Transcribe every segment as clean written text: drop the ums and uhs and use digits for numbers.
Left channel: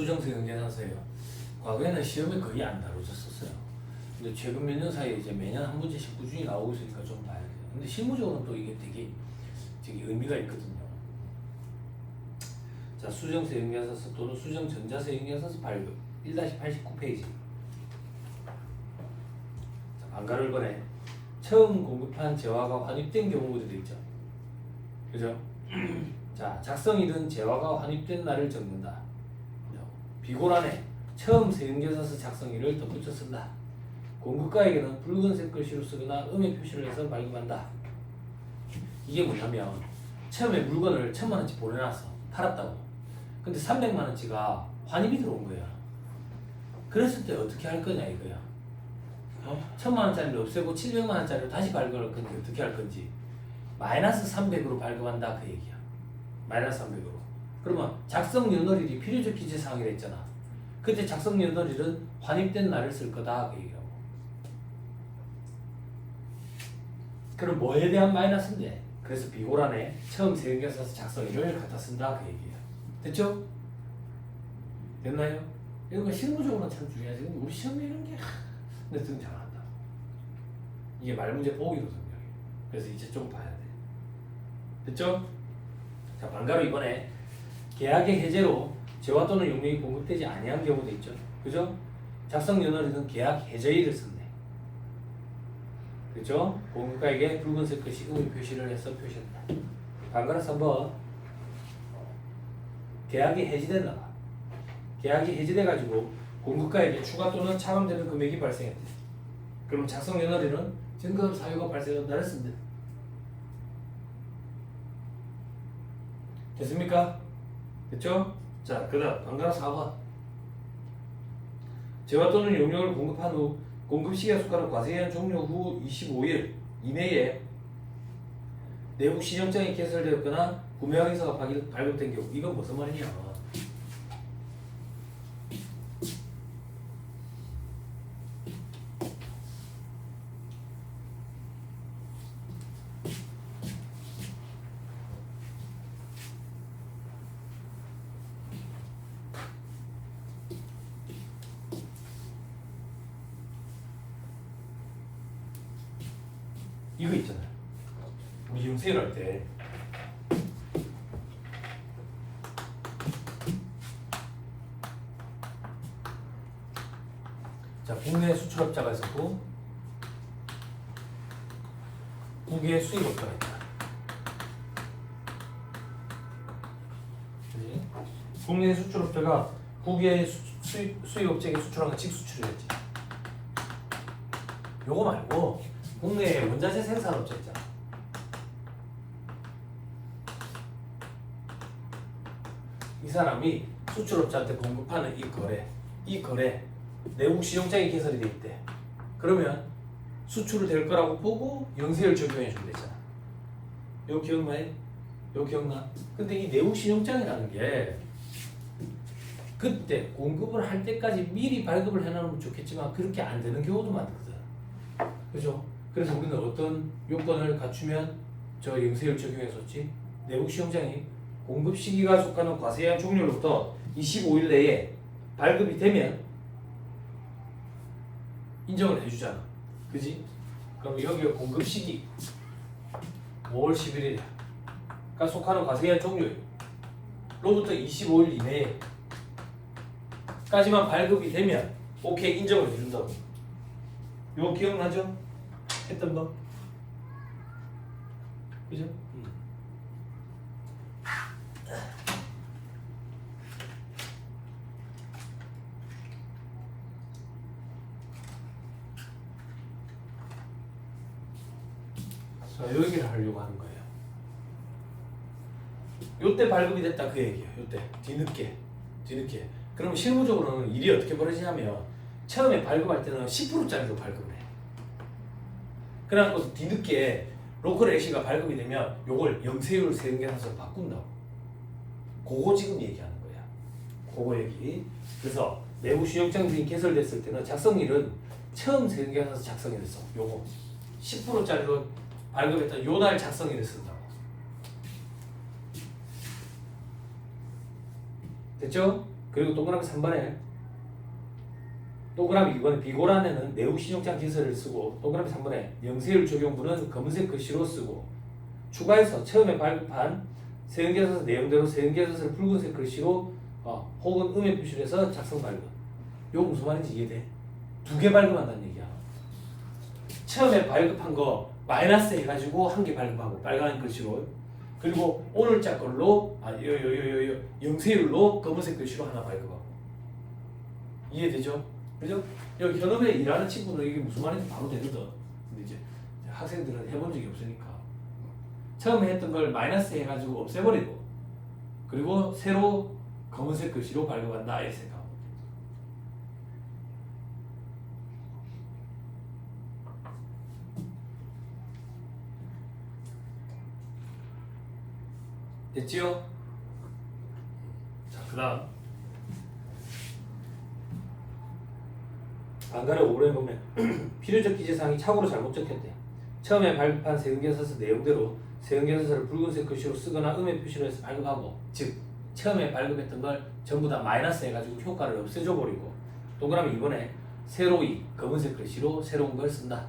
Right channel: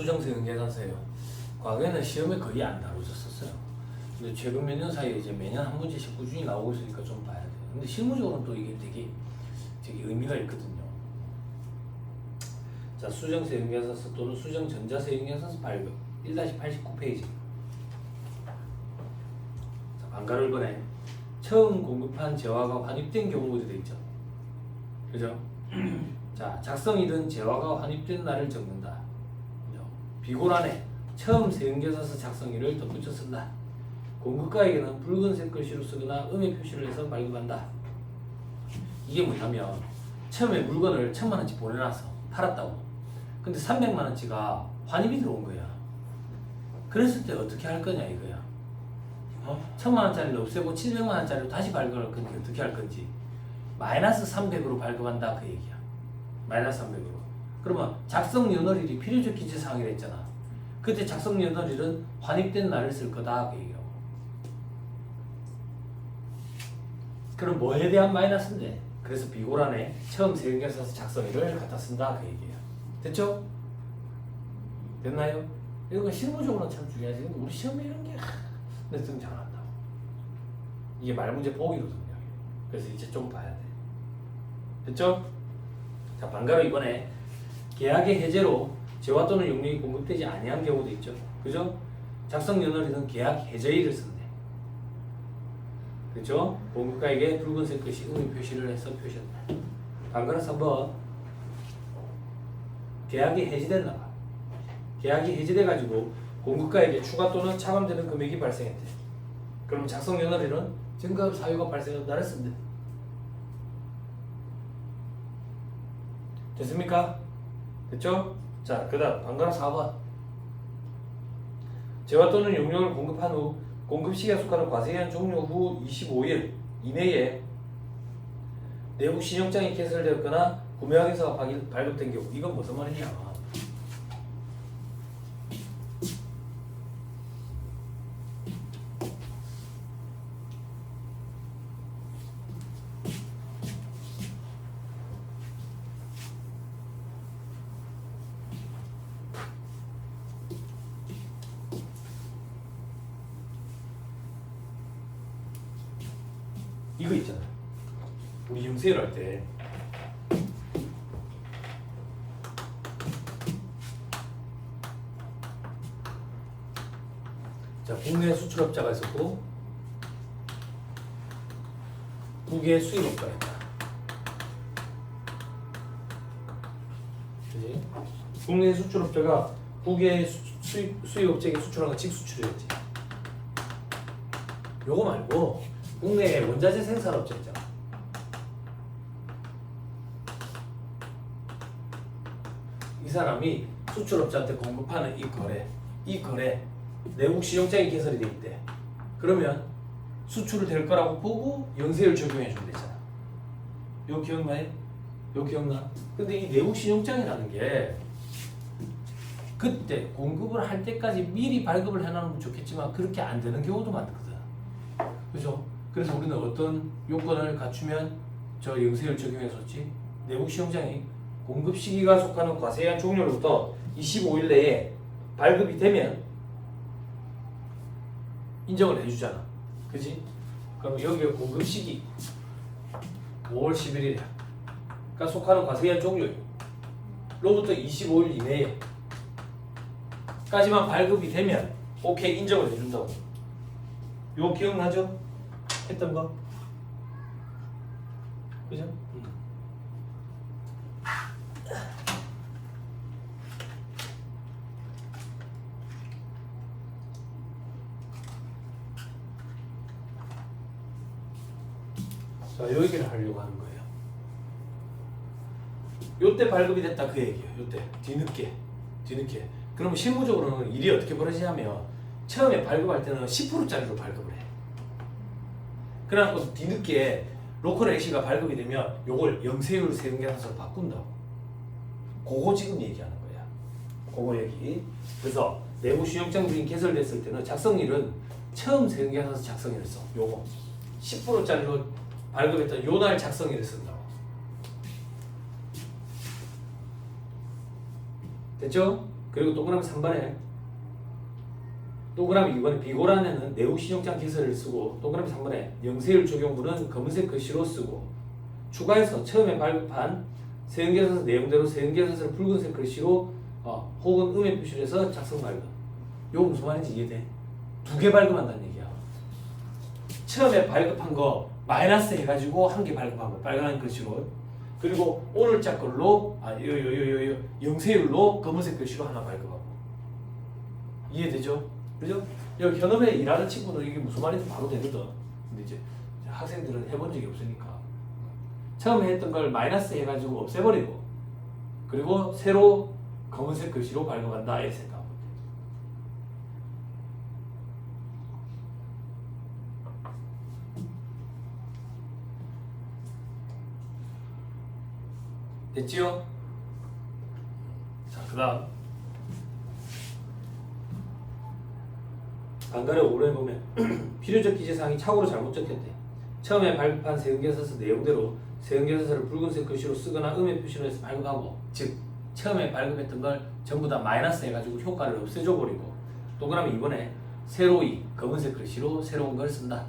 수정세경 계산서예요. 과거에는 시험에 거의 안 다뤄졌었어요. 근데 최근 몇 년 사이에 이제 매년 한 문제씩 꾸준히 나오고 있으니까 좀 봐야 돼요. 근데 실무적으로는 또 이게 되게 의미가 있거든요. 자, 수정세경 계산서 또는 수정전자세경 계산서 발급 1-89페이지. 자, 반가를 번에 처음 공급한 재화가 환입된 경우도 있죠. 그죠? 자, 작성일은 재화가 환입된 날을 적는다. 비고란에 처음 세금계산서 작성일을 덧붙여 쓴다. 공급가에게는 붉은색 글씨로 쓰거나 음의 표시를 해서 발급한다. 이게 뭐냐면 처음에 물건을 1,000만원치 보내놨어. 팔았다고. 근데 300만원치가 환입이 들어온 거야. 그랬을 때 어떻게 할 거냐 이거야. 1,000만원짜리를 없애고 700만원짜리로 다시 발급할 건지 어떻게 할 건지. 마이너스 300으로 발급한다 그 얘기야. 마이너스 300으로. 그러면 작성 연월일이 필요적 기재사항이라 했잖아. 그때 작성 연월일은 환입된 날을 쓸 거다 그 얘기라고. 그럼 뭐에 대한 마이너스인데? 그래서 비고란에 처음 세금계산서 작성일을 갖다 쓴다 그 얘기야. 됐죠? 됐나요? 이거 실무적으로는 참 중요하지. 근데 우리 시험에 이런 게 내 등 잘 안 나. 이게 말문제 보기거든요. 그래서 이제 좀 봐야 돼. 됐죠? 자, 반가로 이번에 계약의 해제로 재화 또는 용료이 공급되지 아니한 경우도 있죠. 그죠? 작성 연월일은 계약 해제일을 쓴대. 그죠? 공급가에게 붉은색 글씨 의미 표시를 해서 표시한다. 반가로 3번 계약이 해지됐나 봐. 계약이 해지돼가지고 공급가에게 추가 또는 차감되는 금액이 발생했대. 그럼 작성 연월일은 증거 사유가 발생한 날을 쓴대. 됐습니까? 됐죠? 자, 그 다음 반가로 4번 재화 또는 용료를 공급한 후 공급시기에 속하는 과세기한 종료 후 25일 이내에 내부 신용장이 개설되었거나 구매 확인서가 발급된 경우. 이건 무슨 말이냐? 이거 있잖아. 우리 영세율 할 때 자, 국내 수출업자가 있었고 국외 수입업자가 있다. 그지? 국내 수출업자가 국외 수입업자에게 수출한 건 직수출이었지. 요거 말고 국내 원자재 생산업자 있잖아. 이 사람이 수출업자한테 공급하는 이 거래 내국 신용장이 개설이 돼 있대. 그러면 수출을 될 거라고 보고 영세율 적용해 주면 되잖아. 요 기억나요? 요 기억나? 근데 이 내국 신용장이라는 게 그때 공급을 할 때까지 미리 발급을 해놓으면 좋겠지만 그렇게 안 되는 경우도 많거든. 그죠? 그래서 우리는 어떤 요건을 갖추면 저 영세율 적용했었지? 내국 시용장이 공급 시기가 속하는 과세한 종료로부터 25일 내에 발급이 되면 인정을 해주잖아. 그지? 그럼 여기에 공급 시기 5월 11일이야. 그러니까 속하는 과세한 종료로부터 25일 이내에 까지만 발급이 되면 오케이 인정을 해준다고. 이거 기억나죠? 했던 거? 그죠? 자, 요 얘기를 하려고 하는 거예요. 요때 발급이 됐다 그 얘기예요. 요때 뒤늦게. 그러면 실무적으로는 일이 어떻게 벌어지냐면 처음에 발급할 때는 10%짜리로 발급을 해. 그래갖고 뒤늦게 로컬 액시가 발급이 되면 요걸 영세율 세금계산서로 바꾼다고. 그거 지금 얘기하는 거야. 그거 얘기. 그래서 내부 신용장 등이 개설됐을 때는 작성일은 처음 세금계산서 작성일을 써. 요거 10%짜리로 발급했다 요 날 작성일을 쓴다고. 됐죠? 그리고 동그라미 3번에 동그라미 2번에 비고란에는 내후 신용장 기서를 쓰고 동그라미 3번에 명세율 적용부는 검은색 글씨로 쓰고 추가해서 처음에 발급한 세형계산서 내용대로 세형계산서를 붉은색 글씨로 혹은 음의 표시를 해서 작성 발급. 요거 무슨 말인지 이해돼? 두 개 발급한다는 얘기야. 처음에 발급한 거 마이너스 해가지고 한 개 발급하고 빨간 글씨로, 그리고 오늘자 걸로 영세율로 검은색 글씨로 하나 발급하고. 이해되죠? 그죠? 여기 현업에 일하는 친구는 이게 무슨 말인지 바로 되거든. 근데 이제 학생들은 해본 적이 없으니까 처음에 했던 걸 마이너스 해가지고 없애버리고, 그리고 새로 검은색 글씨로 발급한다 이렇게 생각하면 돼. 됐지요? 자, 그 다음 안가래 5번에 보면 필요적 기재사항이 착오로 잘못 적혔대. 처음에 발급한 세금계산서 내용대로 세금계산서를 붉은색 글씨로 쓰거나 음의 표시로 해서 발급하고, 즉 처음에 발급했던 걸 전부 다 마이너스 해가지고 효과를 없애줘 버리고, 동그라미 2번에 새로이 검은색 글씨로 새로운 걸 쓴다.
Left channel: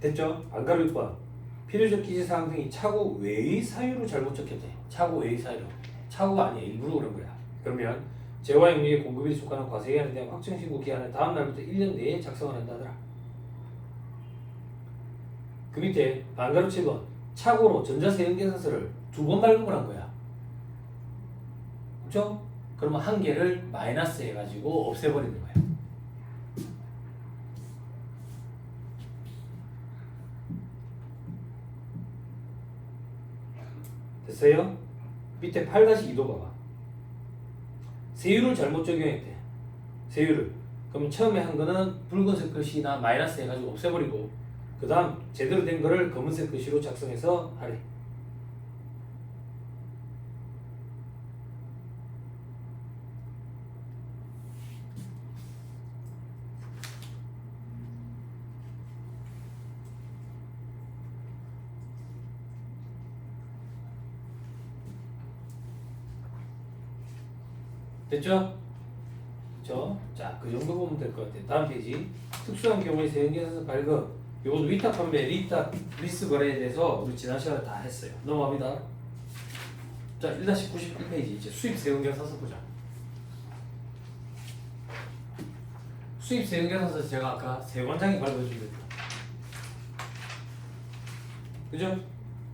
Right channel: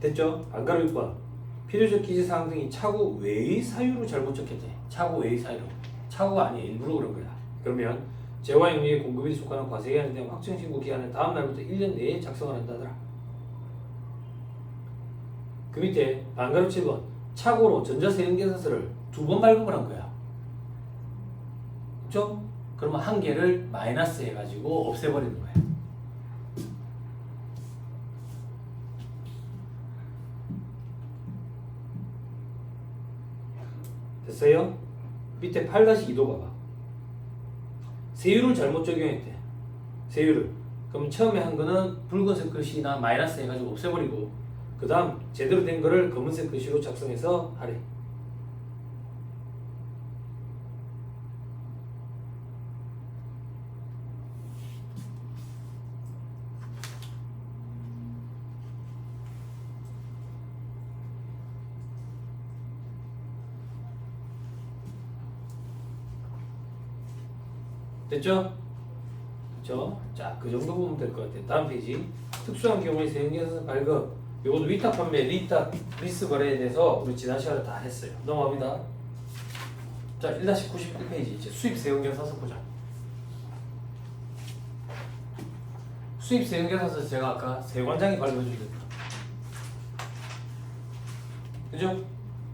됐죠? 안가루 6번 필요적 기재사항 등이 차고 외의 사유로 잘못 적혔대. 차고 외의 사유. 차고가 아니에요. 일부러 그런 거야. 그러면 재화 영리의 공급일에 속하는 과세기한에 대한 확정신고 기한을 다음 날부터 1년 내에 작성을 한다더라. 그 밑에 안가루 7번 차고로 전자세금계산서를 2번 발급을 한 거야. 그렇죠? 그러면 한 개를 마이너스 해가지고 없애버리는 거야. 됐어요? 밑에 8-2도 봐봐. 세율을 잘못 적용했대. 세율을. 그럼 처음에 한 거는 붉은색 글씨나 마이너스 해가지고 없애버리고, 그 다음 제대로 된 거를 검은색 글씨로 작성해서 하래. 됐죠? 그쵸? 자, 그 정도 보면 될 것 같아요. 다음 페이지. 특수한 경우에 세금계산서 발급. 요건 위탁 판매, 리스 거래에 대해서 우리 지난 시간에 다 했어요. 넘어갑니다. 자, 1-91페이지. 이제 수입 세금계산서 보자. 수입 세금계산서 제가 아까 세 관장이 발급해준 거죠. 그죠?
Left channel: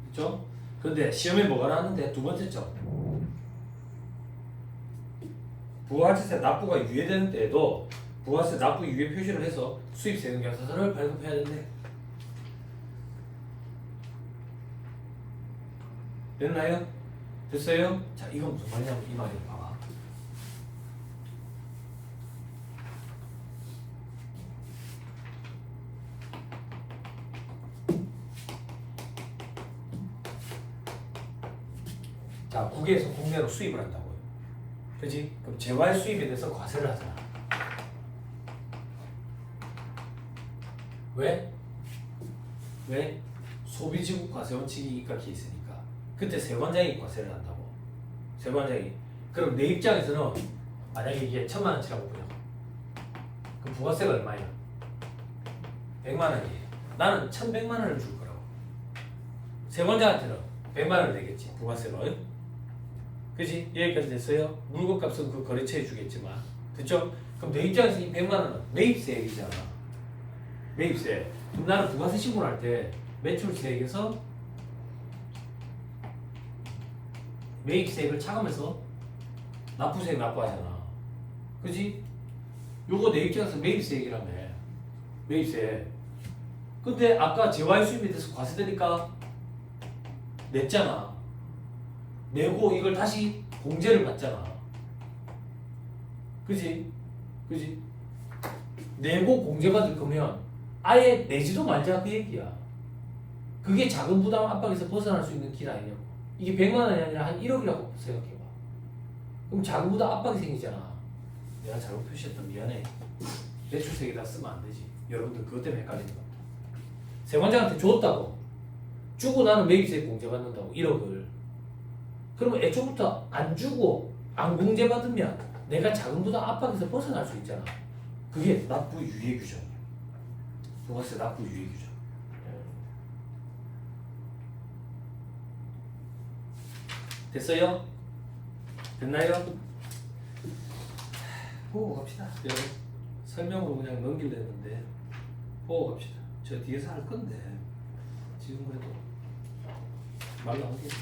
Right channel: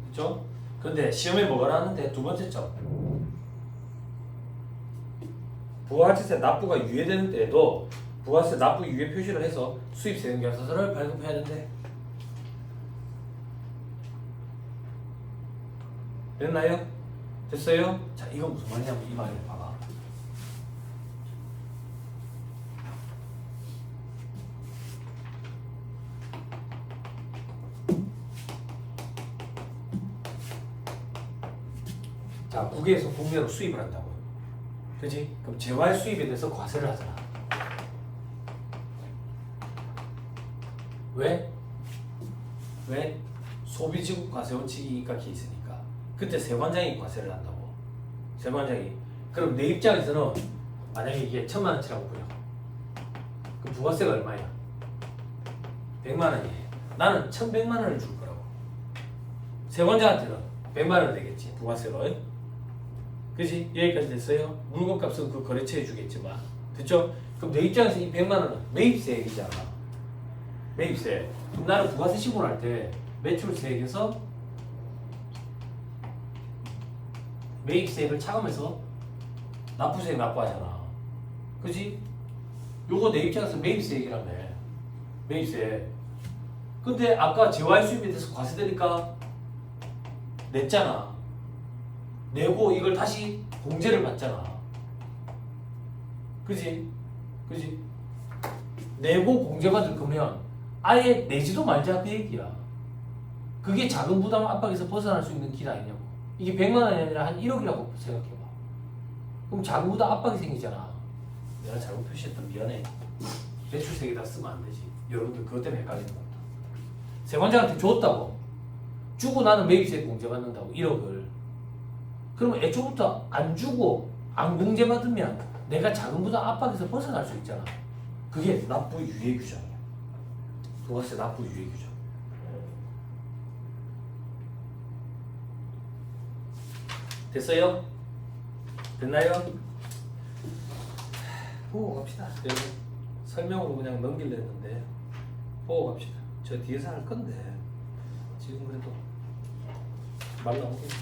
그죠? 근데 시험에 뭐가 나왔는데 두 번째죠. 부가가치세 납부가 유예되는 때에도 부가세 납부 유예 표시를 해서 수입 세금계산서를 발급해야 된대. 됐나요? 됐어요? 자, 이건 무슨 말이냐면 이 말이에요. 봐봐. 자, 국외에서 국내로 수입을 한다고. 그지? 그럼 재활 수입에 대해서 과세를 하잖아. 왜? 왜? 소비지국 과세 원칙이니까 있으니까. 그때 세관장이 과세를 한다고. 세관장이. 그럼 내 입장에서는 만약에 이게 1,000만 원치라고 보여. 그럼 부가세가 얼마야? 100만 원이에요. 나는 1,100만 원을 줄 거라고. 세관장한테는 100만 원 되겠지. 부가세가. 그지? 여기까지 됐어요? 물건값은 그 거래처에 주겠지만. 됐죠? 그럼 내 입장에서 이 100만 원은 매입세액이잖아. 매입세. 그럼 나는 부가세 신고를 할 때 매출세액에서 매입세액을 차감해서 납부세액 납부하잖아. 그지? 요거 내 입장에서 매입세액이라며. 매입세. 근데 아까 재화의 수입에 대해서 과세되니까 냈잖아. 내고 이걸 다시 공제를 받잖아. 그지? 그지? 내고 공제받을 거면 아예 내지도 말자 그 얘기야. 그게 자금 부담 압박에서 벗어날 수 있는 길 아니냐고. 이게 100만 원이 아니라 한 1억이라고 생각해봐. 그럼 자금 부담 압박이 생기잖아. 내가 잘못 표시했다. 미안해. 매출세에다 쓰면 안 되지. 여러분들 그것 때문에 헷갈리는 겁니다. 세관장한테 줬다고 주고 나는 매입세 공제받는다고 1억을 그러면 애초부터 안 주고 안 공제받으면 내가 자금부담 압박에서 벗어날 수 있잖아. 그게 납부 유예 규정이야. 부가세 납부 유예 규정. 됐어요? 됐나요? 보고 갑시다. 그래. 설명으로 그냥 넘기려 했는데 보고 갑시다. 저 뒤에서 할 건데 지금 그래도 말도 안 되지.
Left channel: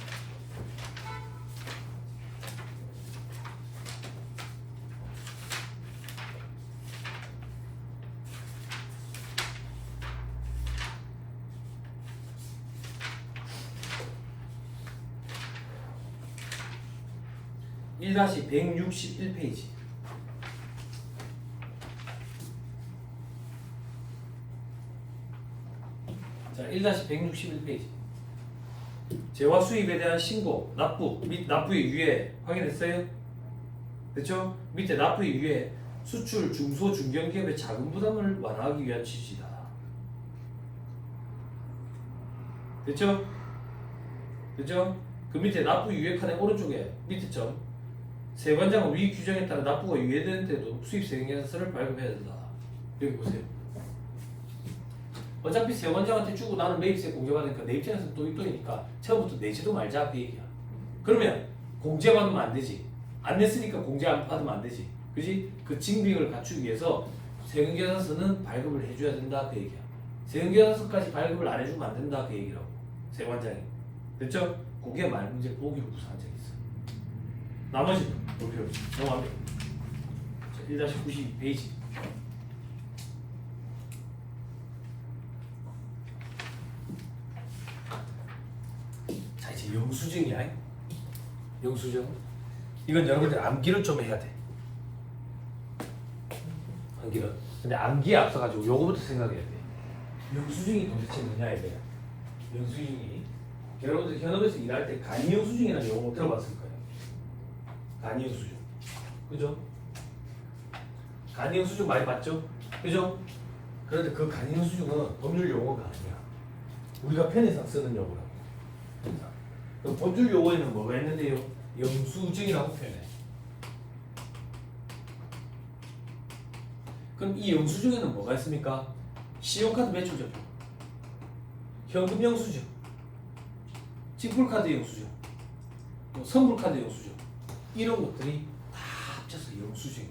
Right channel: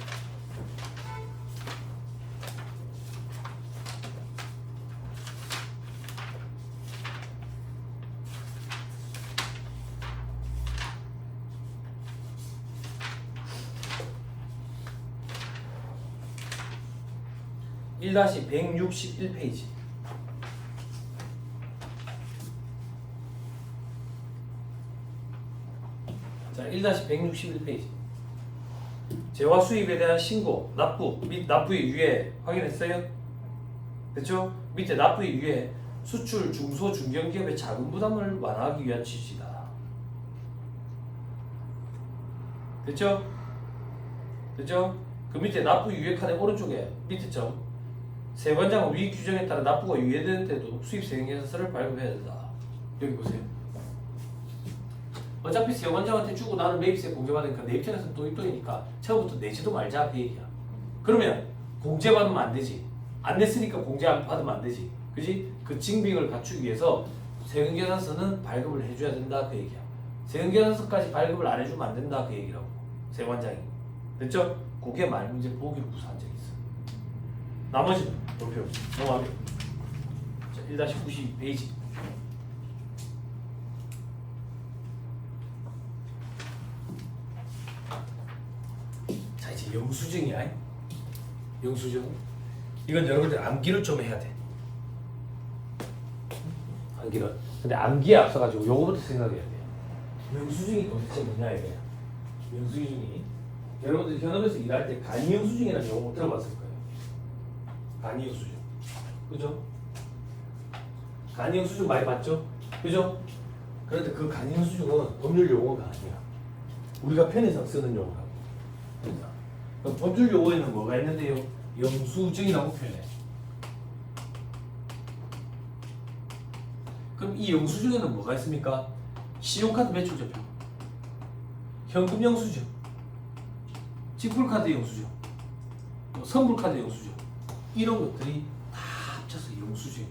(1-161페이지) 자, 1-161페이지. 재화 수입에 대한 신고, 납부 및 납부의 유예 확인했어요? 그쵸? 밑에 납부의 유예, 수출 중소 중견기업의 자금 부담을 완화하기 위한 취지다. 그쵸? 그쵸? 그 밑에 납부 유예 칸의 오른쪽에 밑에 점 세관장은 위 규정에 따라 납부가 유예되는 때도 수입세 행위사서를 발급해야 된다. 여기 보세요. 어차피 세관장한테 주고 나는 매입세 공제받으니까 내 입장에서 또이또이니까 처음부터 내지도 말자 그 얘기야. 그러면 공제받으면 안 되지. 안 됐으니까 공제 안 받으면 안 되지. 그지? 그 징빙을 갖추기 위해서 세금계산서는 발급을 해줘야 된다 그 얘기야. 세금계산서까지 발급을 안 해주면 안 된다 그 얘기라고. 세관장이. 됐죠? 그게 말문제 보기로 구사한 적이 있어. 나머지는 도표 넘어가게. 1-92페이지. 자, 이제 영수증이야. 영수증. 이건 여러분들 암기를 좀 해야 돼. 암기를. 근데 암기에 앞서가지고 요거부터 생각해야 돼. 영수증이 도대체 뭐냐 이거야. 영수증이 여러분들 현업에서 일할 때 간이영수증이라는 용어 들어봤을 거예요. 간이영수증. 그죠? 간이영수증 많이 봤죠? 그죠? 그런데 그 간이영수증은 법률 용어가 아니야. 우리가 편의상 쓰는 용어라고. 그 법률 용어에는 뭐가 있는데요? 영수증이라고 표현해. 그럼 이 영수증에는 뭐가 있습니까? 신용카드 매출자표, 현금 영수증, 지불카드 영수증, 뭐 선불카드 영수증, 이런 것들이 다 합쳐서 영수증이야.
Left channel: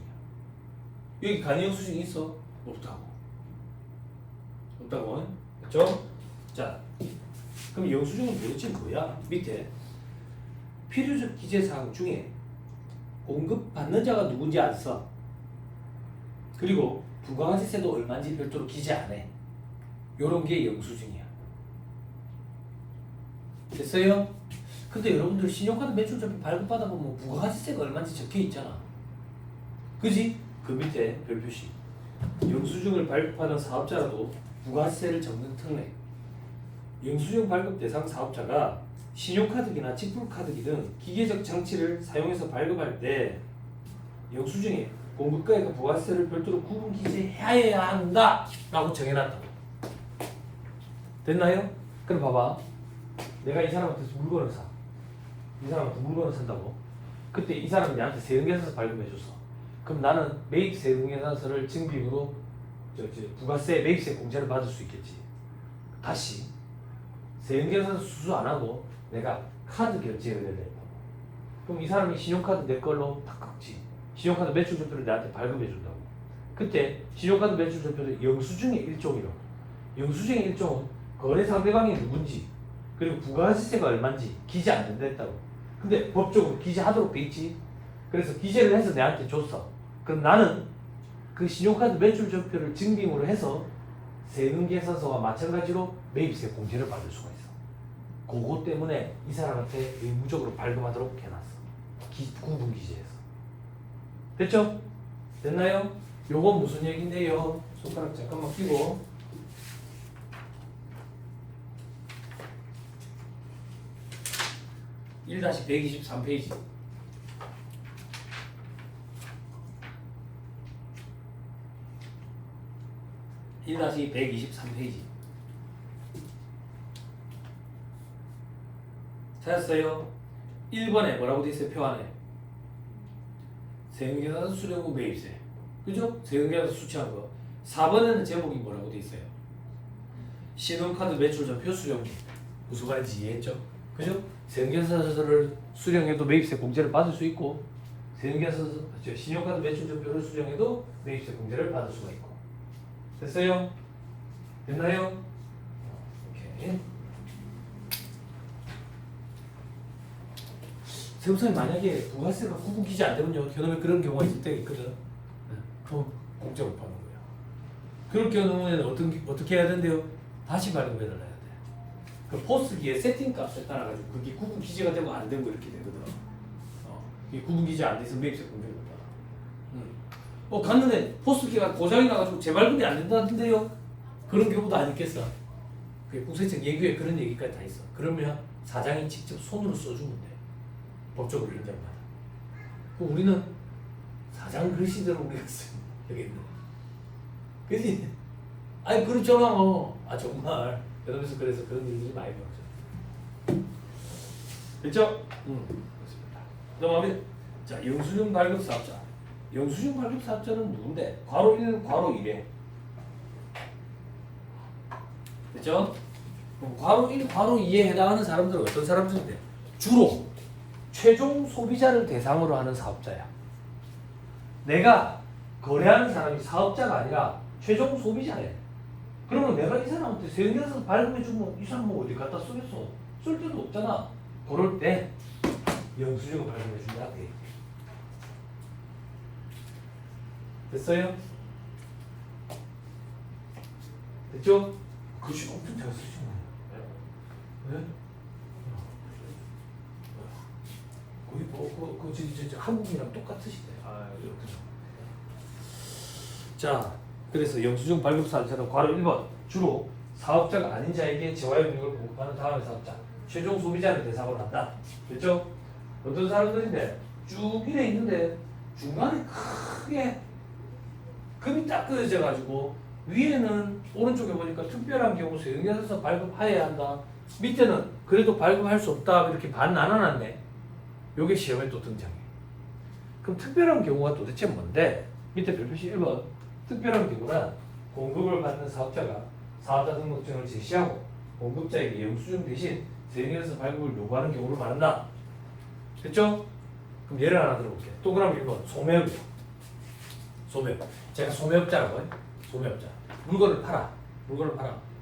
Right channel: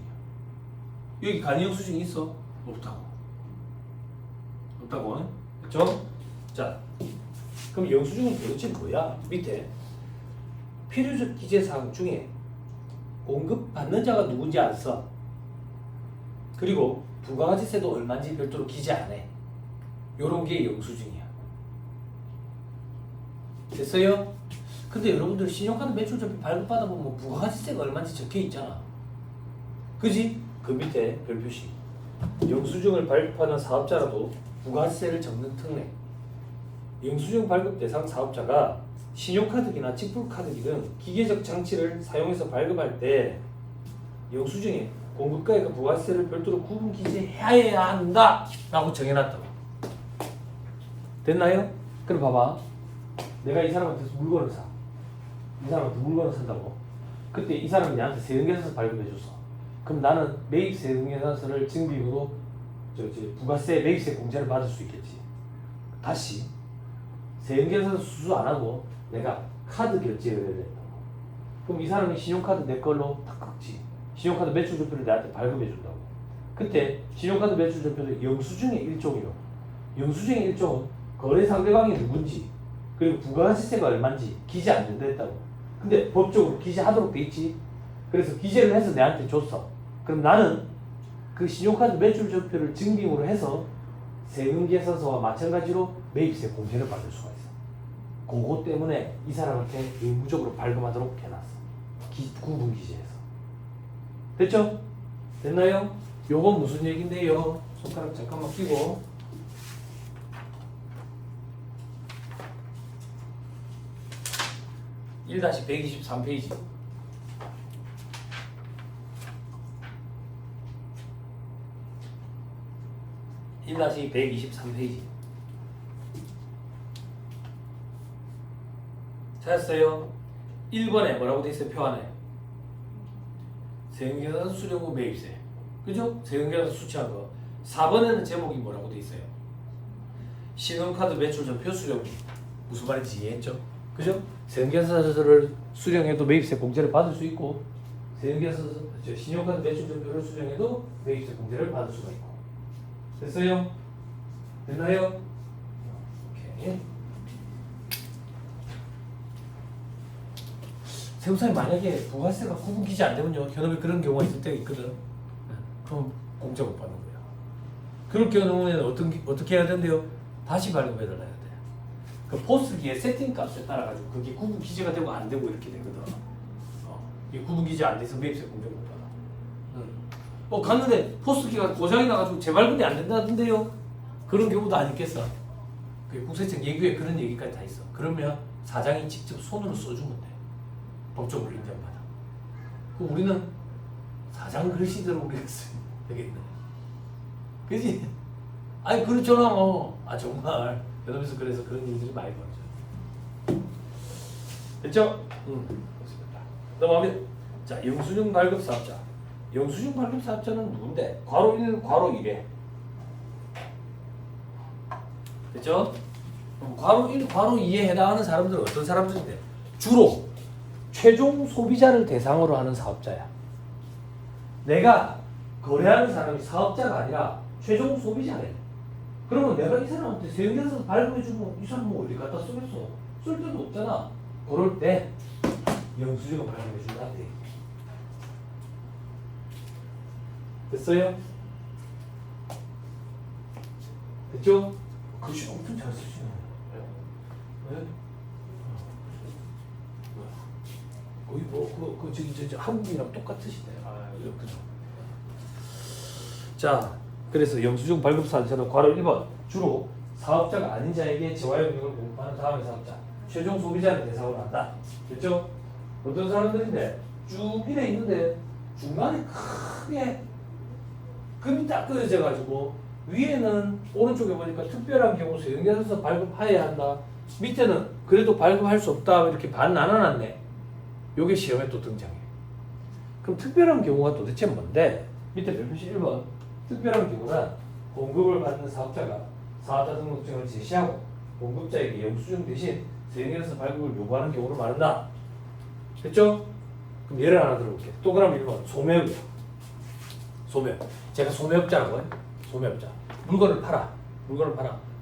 여기 간이 영수증이 있어? 없다고. 없다고. 그렇죠? 자, 그럼 영수증은 도대체 뭐야? 밑에 필요적 기재사항 중에 공급받는 자가 누군지 안 써. 그리고 부가가치세도 얼마인지 별도로 기재 안 해. 요런 게 영수증이야. 됐어요? 근데 여러분들 신용카드 매출자표 발급받아 보면 부가가치세가 얼마인지 적혀 있잖아. 그지? 그 밑에 별표시. 영수증을 발급하는 사업자라도 부가가치세를 적는 특례. 영수증 발급 대상 사업자가 신용카드기나 지불카드기등 기계적 장치를 사용해서 발급할 때 영수증에 공급가액과 부가세를 별도로 구분 기재해야 한다 라고 정해놨다고. 됐나요? 그럼 봐봐. 내가 이 사람한테서 물건을 사. 이 사람한테 물건을 산다고. 그때 이 사람이 나한테 세금계산서 발급해줬어. 그럼 나는 매입 세금계산서를 증빙으로 부가세 매입세 공제를 받을 수 있겠지. 다시 세금계산서 수수 안 하고 내가 카드 결제 의뢰를 했다고. 그럼 이 사람이 신용카드 내 걸로 탁 긁지. 신용카드 매출조표를 나한테 발급해준다고. 그때 신용카드 매출조표도 영수증의 일종이요. 영수증의 일종은 거래 상대방이 누군지 그리고 부가세가 얼마인지 기재 안 된다 했다고. 근데 법적으로 기재하도록 돼 있지. 그래서 기재를 해서 내한테 줬어. 그럼 나는 그 신용카드 매출조표를 증빙으로 해서 세금계산서와 마찬가지로 매입세 공제를 받을 수가 있어. 그거 때문에 이 사람한테 의무적으로 발급하도록 해놨어. 구분 기재해서. 됐죠? 됐나요? 요건 무슨 얘긴데요? 손가락 잠깐만 펴고. (1-123페이지) 1-123페이지. 찾았어요? 1번에 뭐라고 돼 있어요? 표 안에 세형계산 수령금 매입세, 그죠? 세형계산 수취한 거. 4번에는 제목이 뭐라고 돼 있어요? 신용카드 매출 전표 수령금. 무슨 말인지 이해했죠? 그죠? 세형계산서를 수령해도 매입세 공제를 받을 수 있고, 신용카드 매출 전표를 수령해도 매입세 공제를 받을 수가 있고. 됐어요? 됐나요? 오케이. 세무사님 만약에 부가세가 구분기재 안 되면요, 현업에 그런 경우가 있을 때가 있거든. 그럼 공제 못 받는 거예요. 그럴 경우에는 어떻게 해야 된대요? 다시 발급해달라 해야 돼. 그 포스기의 세팅 값에 따라 가지고 그게 구분기재가 되면 안 되고 이렇게 되거든. 이 구분기재 안 돼서 매입세 공제를 못 받아. 갔는데 포스기가 고장이 나가지고 재발급이 안 된다던데요. 그런 경우도 아니겠어. 그 국세청 예규에 그런 얘기까지 다 있어. 그러면 사장이 직접 손으로 써주면 돼. 법적으로 인정받아. 그 우리는 사장 글씨대로 우리가 쓰겠네. 그지? 아니 그렇잖아. 정말 여러분께서 그래서 그런 일들이 많이 벌어져. 됐죠? 그렇습니다. 넘어가면 자, 영수증 발급 사업자. 영수증 발급 사업자는 누군데? 괄호 1, 괄호 2래. 됐죠? 그럼 괄호 1, 괄호 2에 해당하는 사람들은 어떤 사람들인데? 주로 최종 소비자를 대상으로 하는 사업자야. 내가 거래하는 사람이 사업자가 아니라 최종 소비자래. 그러면 내가 이 사람한테 세금에서 발급해주면 이 사람은 어디 갖다 쓰겠어? 쓸 데도 없잖아. 그럴 때 영수증을 발급해준다. 됐어요? 됐죠? 그렇지, 엄청 잘 쓰시네. 네? 거의 저기 한국이랑 똑같으시네. 그죠? 자, 그래서 영수증 발급 사업자는 괄호 1번 주로 사업자가 아닌 자에게 재화용료를 공급하는 다음의 사업자, 최종 소비자를 대상으로 한다. 됐죠? 어떤 사람들인데 쭉 이래 있는데 중간에 크게 금이 딱 그어져 가지고 위에는 오른쪽에 보니까 특별한 경우 세금계산서 발급하여야 한다. 밑에는 그래도 발급할 수 없다 이렇게 반 나눠놨네. 요게 시험에 또 등장해요. 그럼 특별한 경우가 도대체 뭔데? 밑에 별표시 1번 특별한 경우는 공급을 받는 사업자가 사업자 등록증을 제시하고 공급자에게 영수증 대신 세금계산서 발급을 요구하는 경우를 말한다. 됐죠? 그럼 예를 하나 들어볼게요. 동그라미 1번 소매업이요. 소매업. 제가 소매업자라고 해요. 소매업자. 물건을 팔아.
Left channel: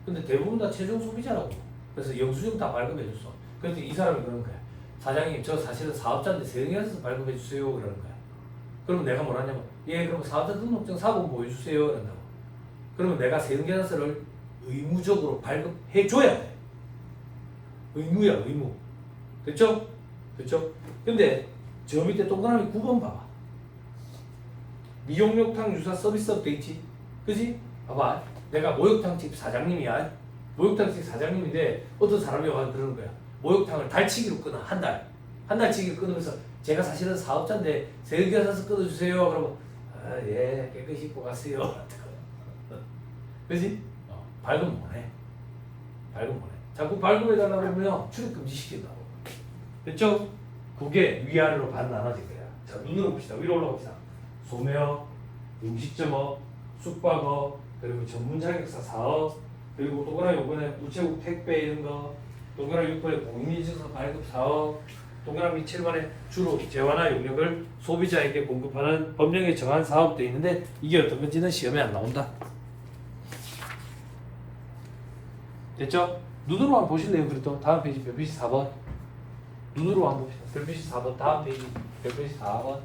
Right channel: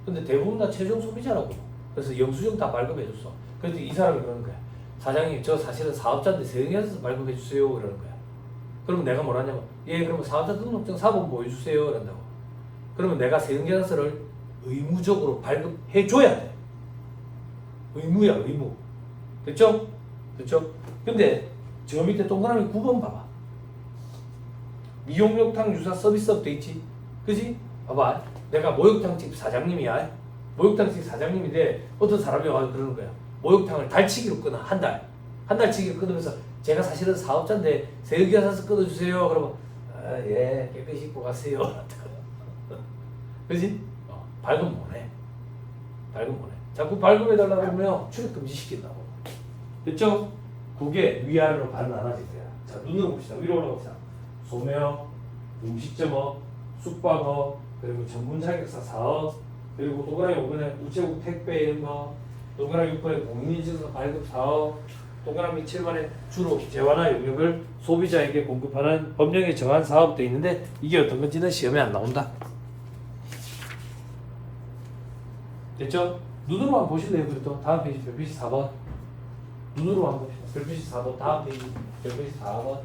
근데 대부분 다 최종 소비자라고. 그래서 영수증 다 발급해줬어. 그래서 이 사람이 그러는 거야. 사장님, 저 사실은 사업자인데 세금계산서 발급해주세요. 그러는 거야. 그러면 내가 뭐라냐면, 예, 그럼 사업자 등록증 사본 보여주세요. 그런다고. 그러면 내가 세금계산서를 의무적으로 발급해줘야 돼. 의무야, 의무. 됐죠? 근데 저 밑에 동그라미 9번 봐봐. 미용욕탕 유사 서비스업 돼 있지? 그지? 봐봐. 내가 목욕탕집 사장님이야. 목욕탕집 사장님인데 어떤 사람이 와서 그러는 거야. 목욕탕을 달치기로 끊어. 한 달치기로 끊으면서 제가 사실은 사업자인데 세금계산서 끊어주세요. 그러고 예, 깨끗이 입고 가세요. 그지? 발급 못해. 자꾸 발급해달라고 하면 출입 금지 시킨다고. 됐죠? 그게 위아래로 반 나눠진 거야. 자, 눈으로 봅시다. 위로 올라봅시다. 소매업, 음식점업, 숙박업, 그리고 전문 자격사 사업, 그리고 동그라미 5번에 우체국 택배 이런 거, 동그라미 6번에 공인인증서 발급 사업, 동그라미 7번에 주로 재화나 용역을 소비자에게 공급하는 법령에 정한 사업도 있는데 이게 어떤 건지는 시험에 안 나온다. 됐죠? 눈으로만 보실래요? 그래도 다음 페이지 별표시 4번. 눈으로만 보시죠. 별표시 4번 다음 페이지 별표시 4번.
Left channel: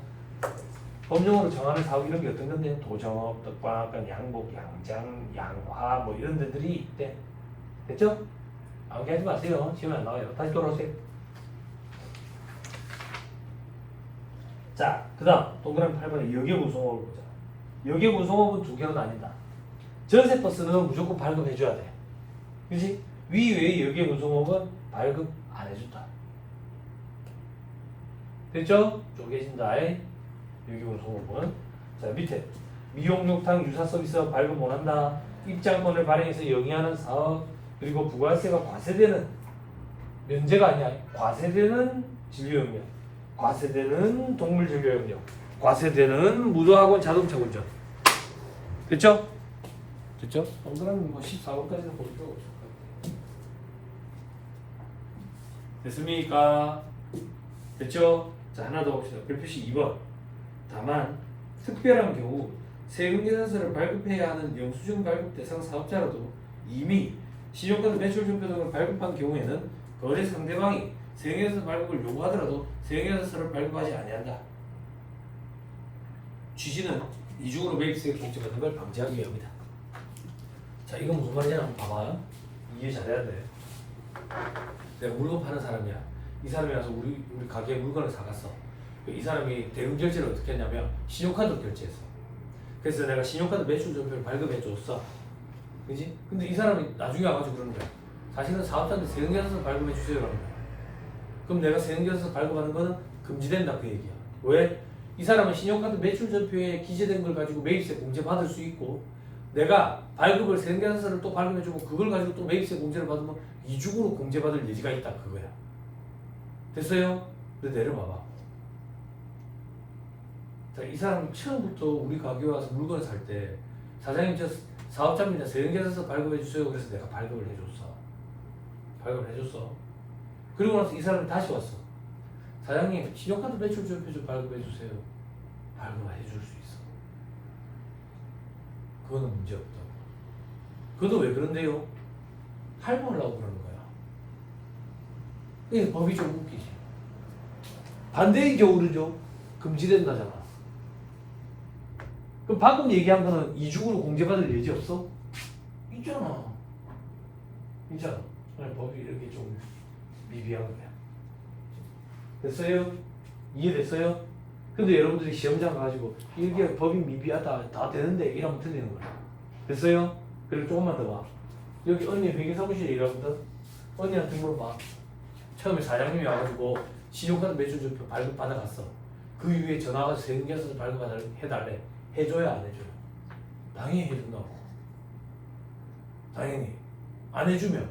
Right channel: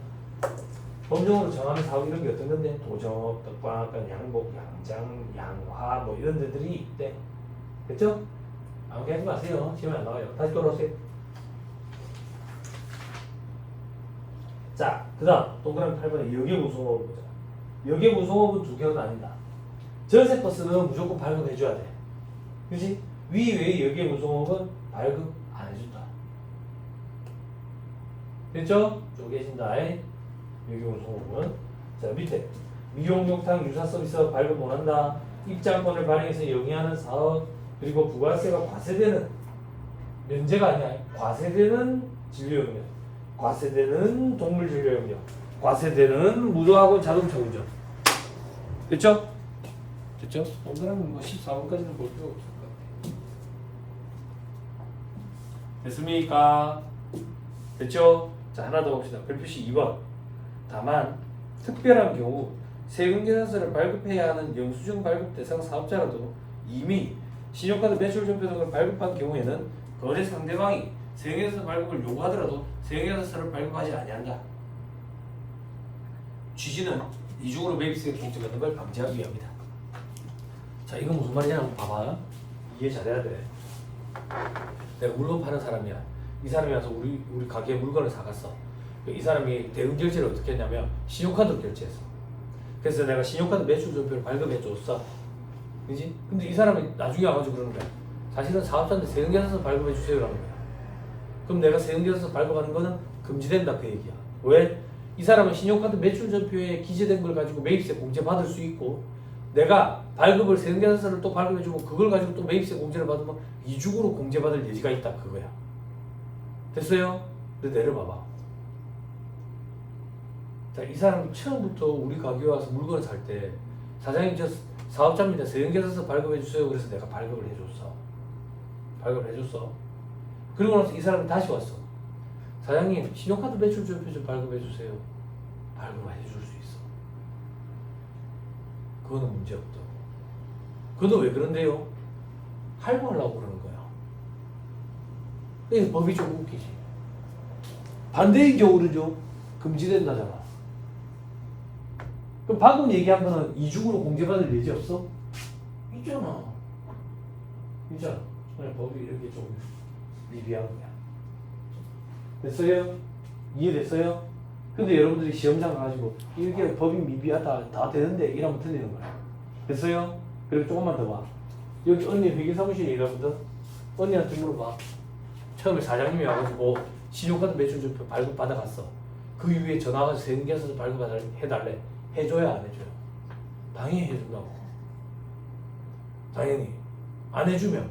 법령으로 정하는 사업 이런 게 어떤 건데 도정업, 떡방앗간, 양복, 양장, 양화 뭐 이런 데들이 있대. 됐죠? 아무게 하지 마세요. 시험에 안 나와요. 다시 돌아오세요. 자, 그 다음 동그라미 8번에 여객운송업을 보자. 여객운송업은 두 개로 나뉜다. 전세버스는 무조건 발급해줘야 돼. 그치? 위외의 여객운송업은 발급 안 해준다. 됐죠? 쪼개진다. 여객운송업은. 자, 밑에 미용욕탕 유사 서비스 발급 못한다. 입장권을 발행해서 영위하는 사업 그리고 부가세가 과세되는 면제가 아니야. 과세되는 진료영역, 과세되는 동물 진료영역, 과세되는 무료학원 자동차 운전. 됐죠? 됐죠? 동그라미 뭐 14번까지는 볼 필요 없을 것 같아요. 됐습니까? 됐죠? 자, 하나 더 봅시다. 별표시 2번. 다만 특별한 경우 세금계산서를 발급해야 하는 영수증 발급 대상 사업자라도 이미 신용카드 매출전표 등을 발급한 경우에는 거래 상대방이 세금계산서 발급을 요구하더라도 세금계산서를 발급하지 아니한다. 취지는 이중으로 매입세액 공제받는 걸 방지하기 위함이다. 자, 이건 무슨 말이냐 한번 봐봐. 이해 잘해야 돼. 내가 물건 파는 사람이야. 이 사람이 와서 우리 가게에 물건을 사갔어. 이 사람이 대금 결제를 어떻게 했냐면 신용카드로 결제했어. 그래서 내가 신용카드 매출전표를 발급해 줬어. 그지? 근데 이 사람이 나중에 와가지고 그러는 거야. 사실은 사업자한테 세금계산서 발급해 주세요라는 거야. 그럼 내가 세금계산서 발급하는 거는 금지된다 그 얘기야. 왜? 이 사람은 신용카드 매출전표에 기재된 걸 가지고 매입세 공제 받을 수 있고, 내가 발급을 세금계산서를 또 발급해주고 그걸 가지고 또 매입세 공제를 받으면 이중으로 공제받을 여지가 있다 그거야. 됐어요? 근데 내려봐봐. 자, 이 사람이 처음부터 우리 가게에 와서 물건을 살 때 사장님 저 사업자입니다. 세금계산서 발급해주세요. 그래서 내가 발급을 해줬어. 발급을 해줬어. 그리고 나서 이 사람이 다시 왔어. 사장님 신용카드 매출전표 좀 발급해주세요. 발급을 해줄 수 있어. 그거는 문제없다. 그건 왜 그런데요? 할부하려고 그러는 거야. 이 법이 좀 웃기지. 반대인 경우는요 금지된다잖아. 그럼 방금 얘기한 거는 이중으로 공제받을 예지 없어? 있잖아. 있잖아. 아니, 법이 이렇게 좀 미비한 거야. 됐어요? 이해됐어요? 근데 여러분들이 시험장을 가지고 이게 법이 미비하다 다 되는데 이러면 틀리는 거야. 됐어요? 그리고 조금만 더 봐. 여기 언니 회계사무실에 일하거든. 언니한테 물어봐. 처음에 사장님이 와가지고 신용카드 매출전표 발급 받아갔어. 그 이후에 전화가 세금계산서 발급 해달래. 해줘야 안 해줘요? 당연히 해준다고. 당연히 안 해주면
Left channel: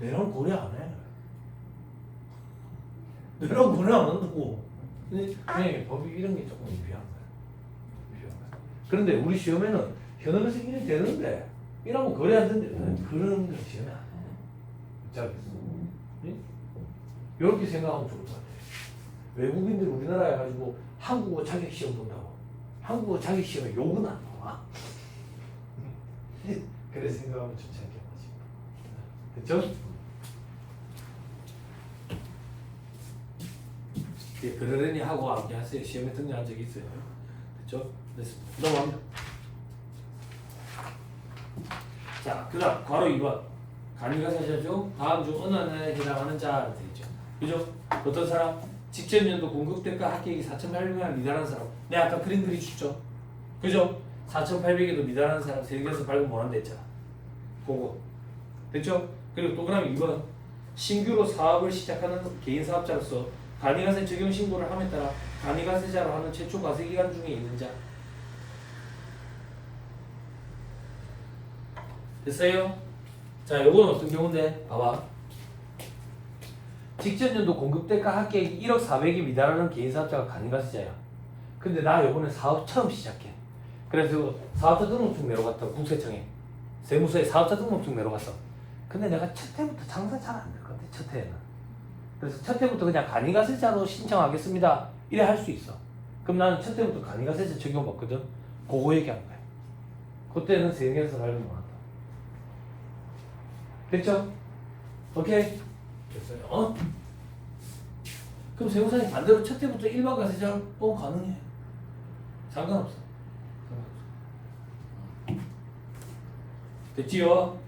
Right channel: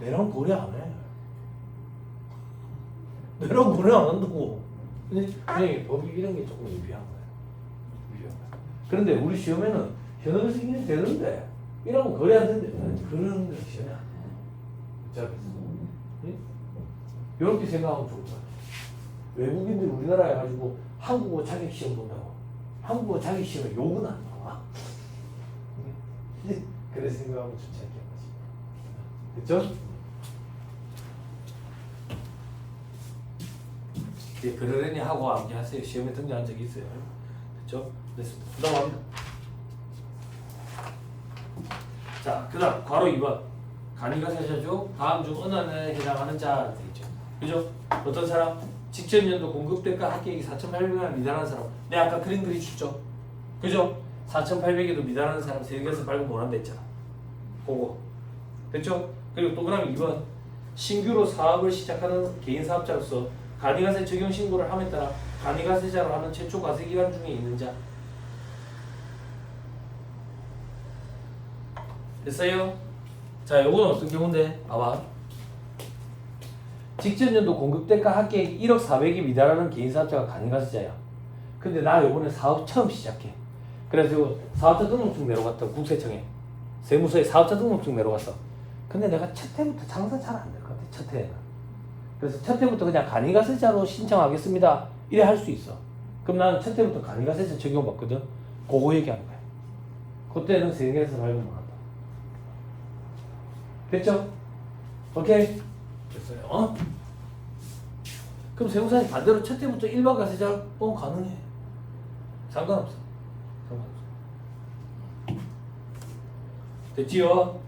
내랑 거래 안 해. 내랑 거래 안 한다고. 근데 아니 법이 이런 게 조금 미비한 거야. 그런데 우리 시험에는 현업에서 이게 되는데 이러면 거래 안 되는데 그런 게 시험에 안 해. 자, 이렇게 생각하면 좋을 것 같아. 외국인들이 우리나라에 가지고 한국어 자격 시험 본다고. 한국어 자격 시험에 욕은 안 나와. 그래서 생각하면 좋지 않겠지. 그쵸? 그러려니 하고 함께 하세요. 시험에 등장한 적이 있어요. 그쵸? 됐습니다. 넘어갑니다. 자, 그 다음 괄호 2번 간이가사시죠. 다음 중 어느 하나에 해당하는 자가 되죠. 그죠? 어떤 사람? 직전년도 공급대가 합격이 4,800만 미달하는 사람. 내가 아까 그림 그려줬죠. 그죠? 4,800에도 미달하는 사람 세계에서 발급 못한다 했잖아. 그거. 됐죠? 그리고 또 그다음 2번 신규로 사업을 시작하는 개인 사업자로서 간이가세 적용 신고를 함에 따라 간이가세자로 하는 최초 과세기간 중에 있는 자. 됐어요? 자, 요건 어떤 경우인데? 봐봐. 직전년도 공급대가 합계액 1억 400이 미달하는 개인 사업자가 간이가세자야. 근데 나 요번에 사업 처음 시작해. 그래서 사업자 등록증 내려갔다 국세청에 세무서에 사업자 등록증 내려갔어. 근데 내가 첫 해부터 장사 잘 안 될 것 같아. 첫 해에는. 그래서 첫 해부터 그냥 간이가세자로 신청하겠습니다. 이래 할 수 있어. 그럼 나는 첫 해부터 간이가세자 적용 없거든. 그거 얘기하는 거야. 그때는 세계에서 발급 못 한다. 됐죠? 오케이? 됐어요. 어? 그럼 세무사님 반대로 첫 해부터 일반 가세자 가능해. 상관없어. 됐지요?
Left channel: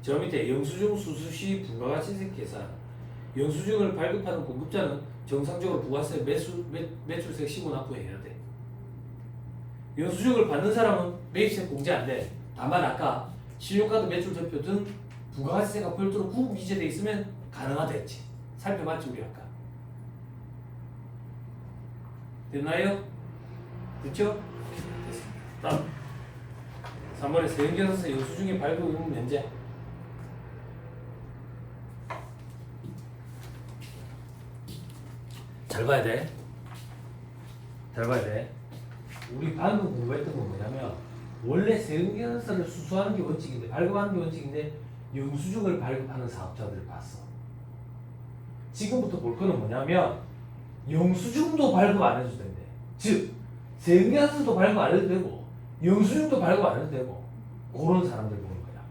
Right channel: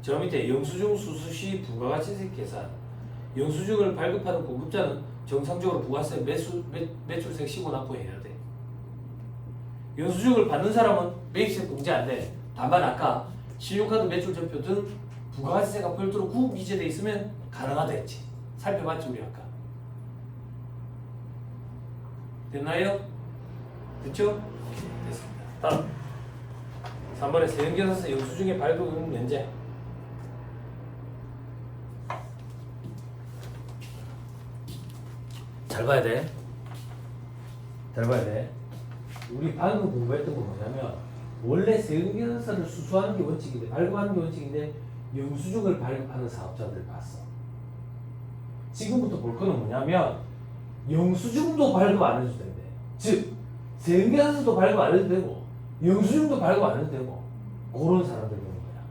저 밑에 영수증 수수시 부가가치세 계산. 영수증을 발급하는 공급자는 정상적으로 부가세 매출세 신고 납부해야 돼. 영수증을 받는 사람은 매입세 공제 안 돼. 다만 아까 신용카드 매출전표 등 부가가치세가 별도로 구분 기재돼 있으면 가능하다 했지. 살펴봤지 우리 아까. 됐나요? 됐죠? 됐습니다. 다음 3번에 세운계산서 영수증의 발급 의무 면제. 잘 봐야 돼. 잘 봐야 돼. 우리 방금 공부했던 건 뭐냐면 원래 세운계산서를 수수하는 게 원칙인데 발급하는 게 원칙인데 영수증을 발급하는 사업자들을 봤어. 지금부터 볼 거는 뭐냐면 영수증도 발급 안 해도 된대. 즉 세운계산서도 발급 안 해도 되고 영수증도 발급 안 해도 되고 그런 사람들 보는 거야.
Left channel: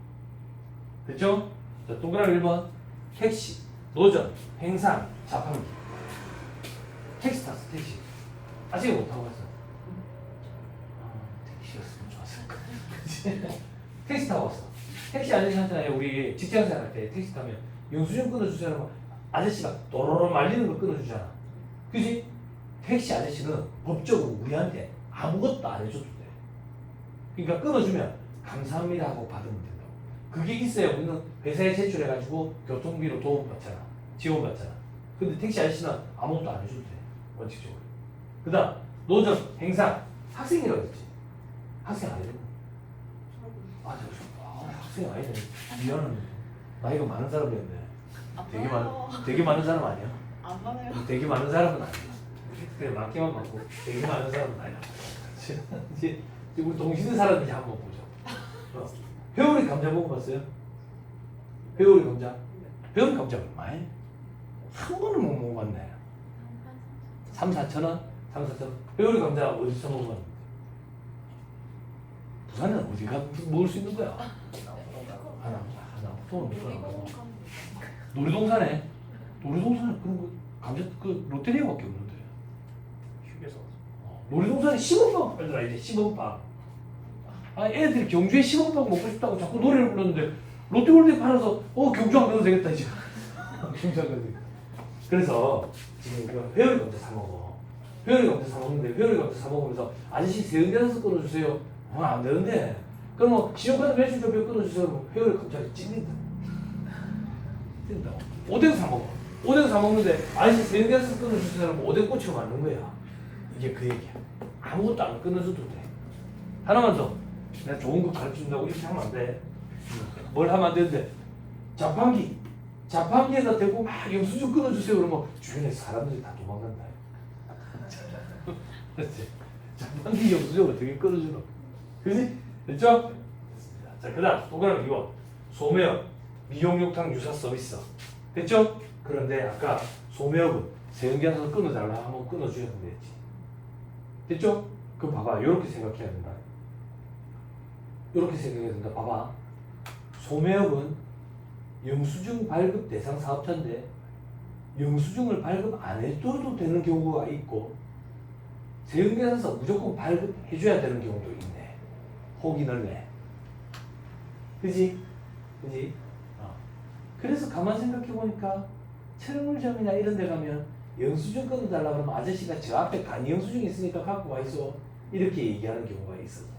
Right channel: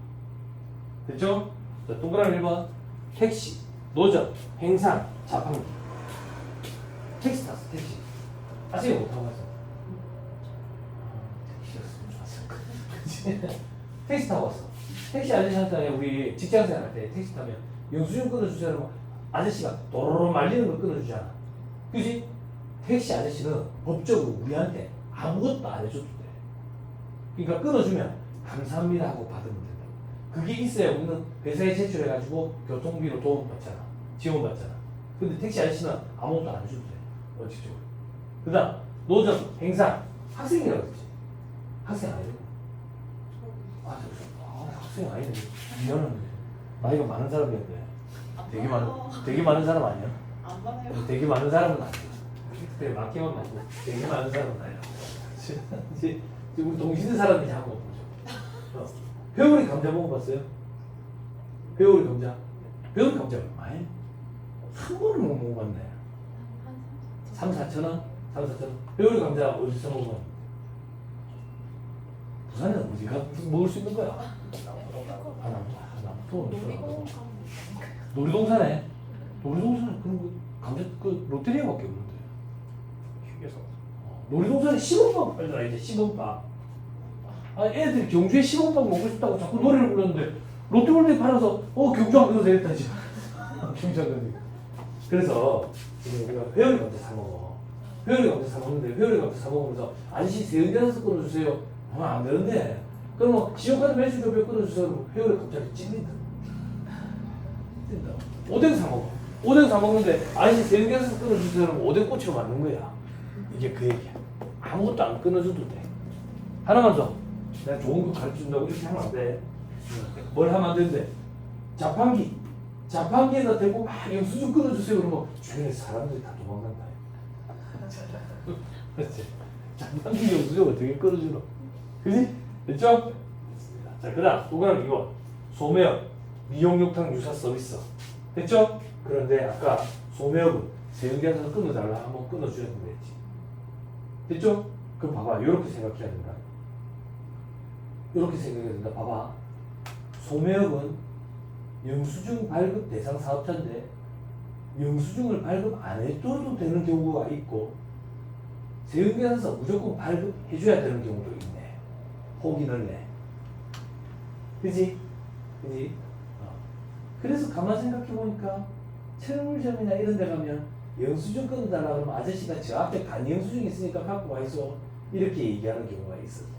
됐죠? 자, 동그라미 1번 택시, 노점, 행상, 자판기. 택시 탔어. 택시. 아직 못 타고 갔어. 택시였으면 좋았을 거야. 택시 타고 왔어. 택시 아저씨한테 우리 직장생활 할 때 택시 타면 영수증 끊어주세요 하면 아저씨가 도로로 말리는 걸 끊어주잖아. 그지? 택시 아저씨는 법적으로 우리한테 아무것도 안 해줘도 돼. 그러니까 끊어주면 감사합니다 하고 받으면 된다고. 그게 있어야 우리는 회사에 제출해가지고 교통비로 도움 받잖아. 지원 받잖아. 근데 택시 아저씨는 아무것도 안 해줘도 돼. 원칙적으로. 그 다음 노점, 행사, 학생이라고 했지. 학생 아니래. 학생 아니네. 미안합니다. 나이가 많은 사람인데. 되게 많은 사람 아니야? 안 받아요. 되게 많은 사람은 아니야. 그래 많기만 먹고 되게 많은 사람은 아니야. 이제 우리 동시는 사람인지 한번 보죠. 회오리 감자 먹어봤어요? 회오리 감자? 회오리 감자 얼마에? 한 번은 못 먹어봤네. 3, 4천 원? 3, 4천 원? 회오리 감자 어디서 먹어봤는데? 부산은 어디가 먹을 수 있는 거야? 하나, 놀이동산에 그런 거 감자 그 롯데리아밖에 없는데. 휴게소. 놀이동산에 시범빵 팔더라 이제 시범빵. 아 애들이 경주에 시범빵 먹고 싶다고 자꾸 노래를 부르는데 롯데월드에 팔아서 경주 안 가도 되겠다 이제. 경주 안 가도 되겠다. 그래서 지금 회오리 감자 사 먹어. 회오리 감자 사 먹는데 회오리 감자 사 먹으면서 아저씨 세운계산서 끊어주세요. 안 되는데. 그럼 신용카드 매출 조표 끊어주세요. 회오리 감자를 찔린다. 찔린다고. 오뎅 사 먹어. 오뎅 사 먹는데 아저씨 세운계산서 끊어주세요 하면 오뎅 꼬치로 만든 거야. 이게 그 얘기야. 아무것도 안 끊어줘도 돼. 하나만 더. 내가 좋은 거 가르쳐준다고 이렇게 하면 안 돼. 뭘 하면 안 되는데. 자판기. 자판기에다 대고 막 영수증 끊어주세요. 그러면 주변에 사람들이 다 도망간다. 자판기 영수증 어떻게 끊어주노? 그지? 됐죠? 자, 그 다음 동그라미 이거 소매업, 미용욕탕 유사 서비스. 됐죠? 그런데 아까 소매업은 세운계산서 끊어달라 하면 끊어줘야 된다했지. 됐죠? 그럼 봐봐. 이렇게 생각해야 된다. 이렇게 생각해야 된다. 봐봐. 소매업은 영수증 발급 대상 사업자인데 영수증을 발급 안 해줘도 되는 경우가 있고 세운계산서 무조건 발급해줘야 되는 경우도 있네. 폭이 넓네. 그지? 그지? 그래서 가만 생각해보니까 철물점이나 이런 데 가면 영수증 끊어달라 그러면 아저씨가 저 앞에 간이 영수증 있으니까 갖고 와 있어. 이렇게 얘기하는 경우가 있었네.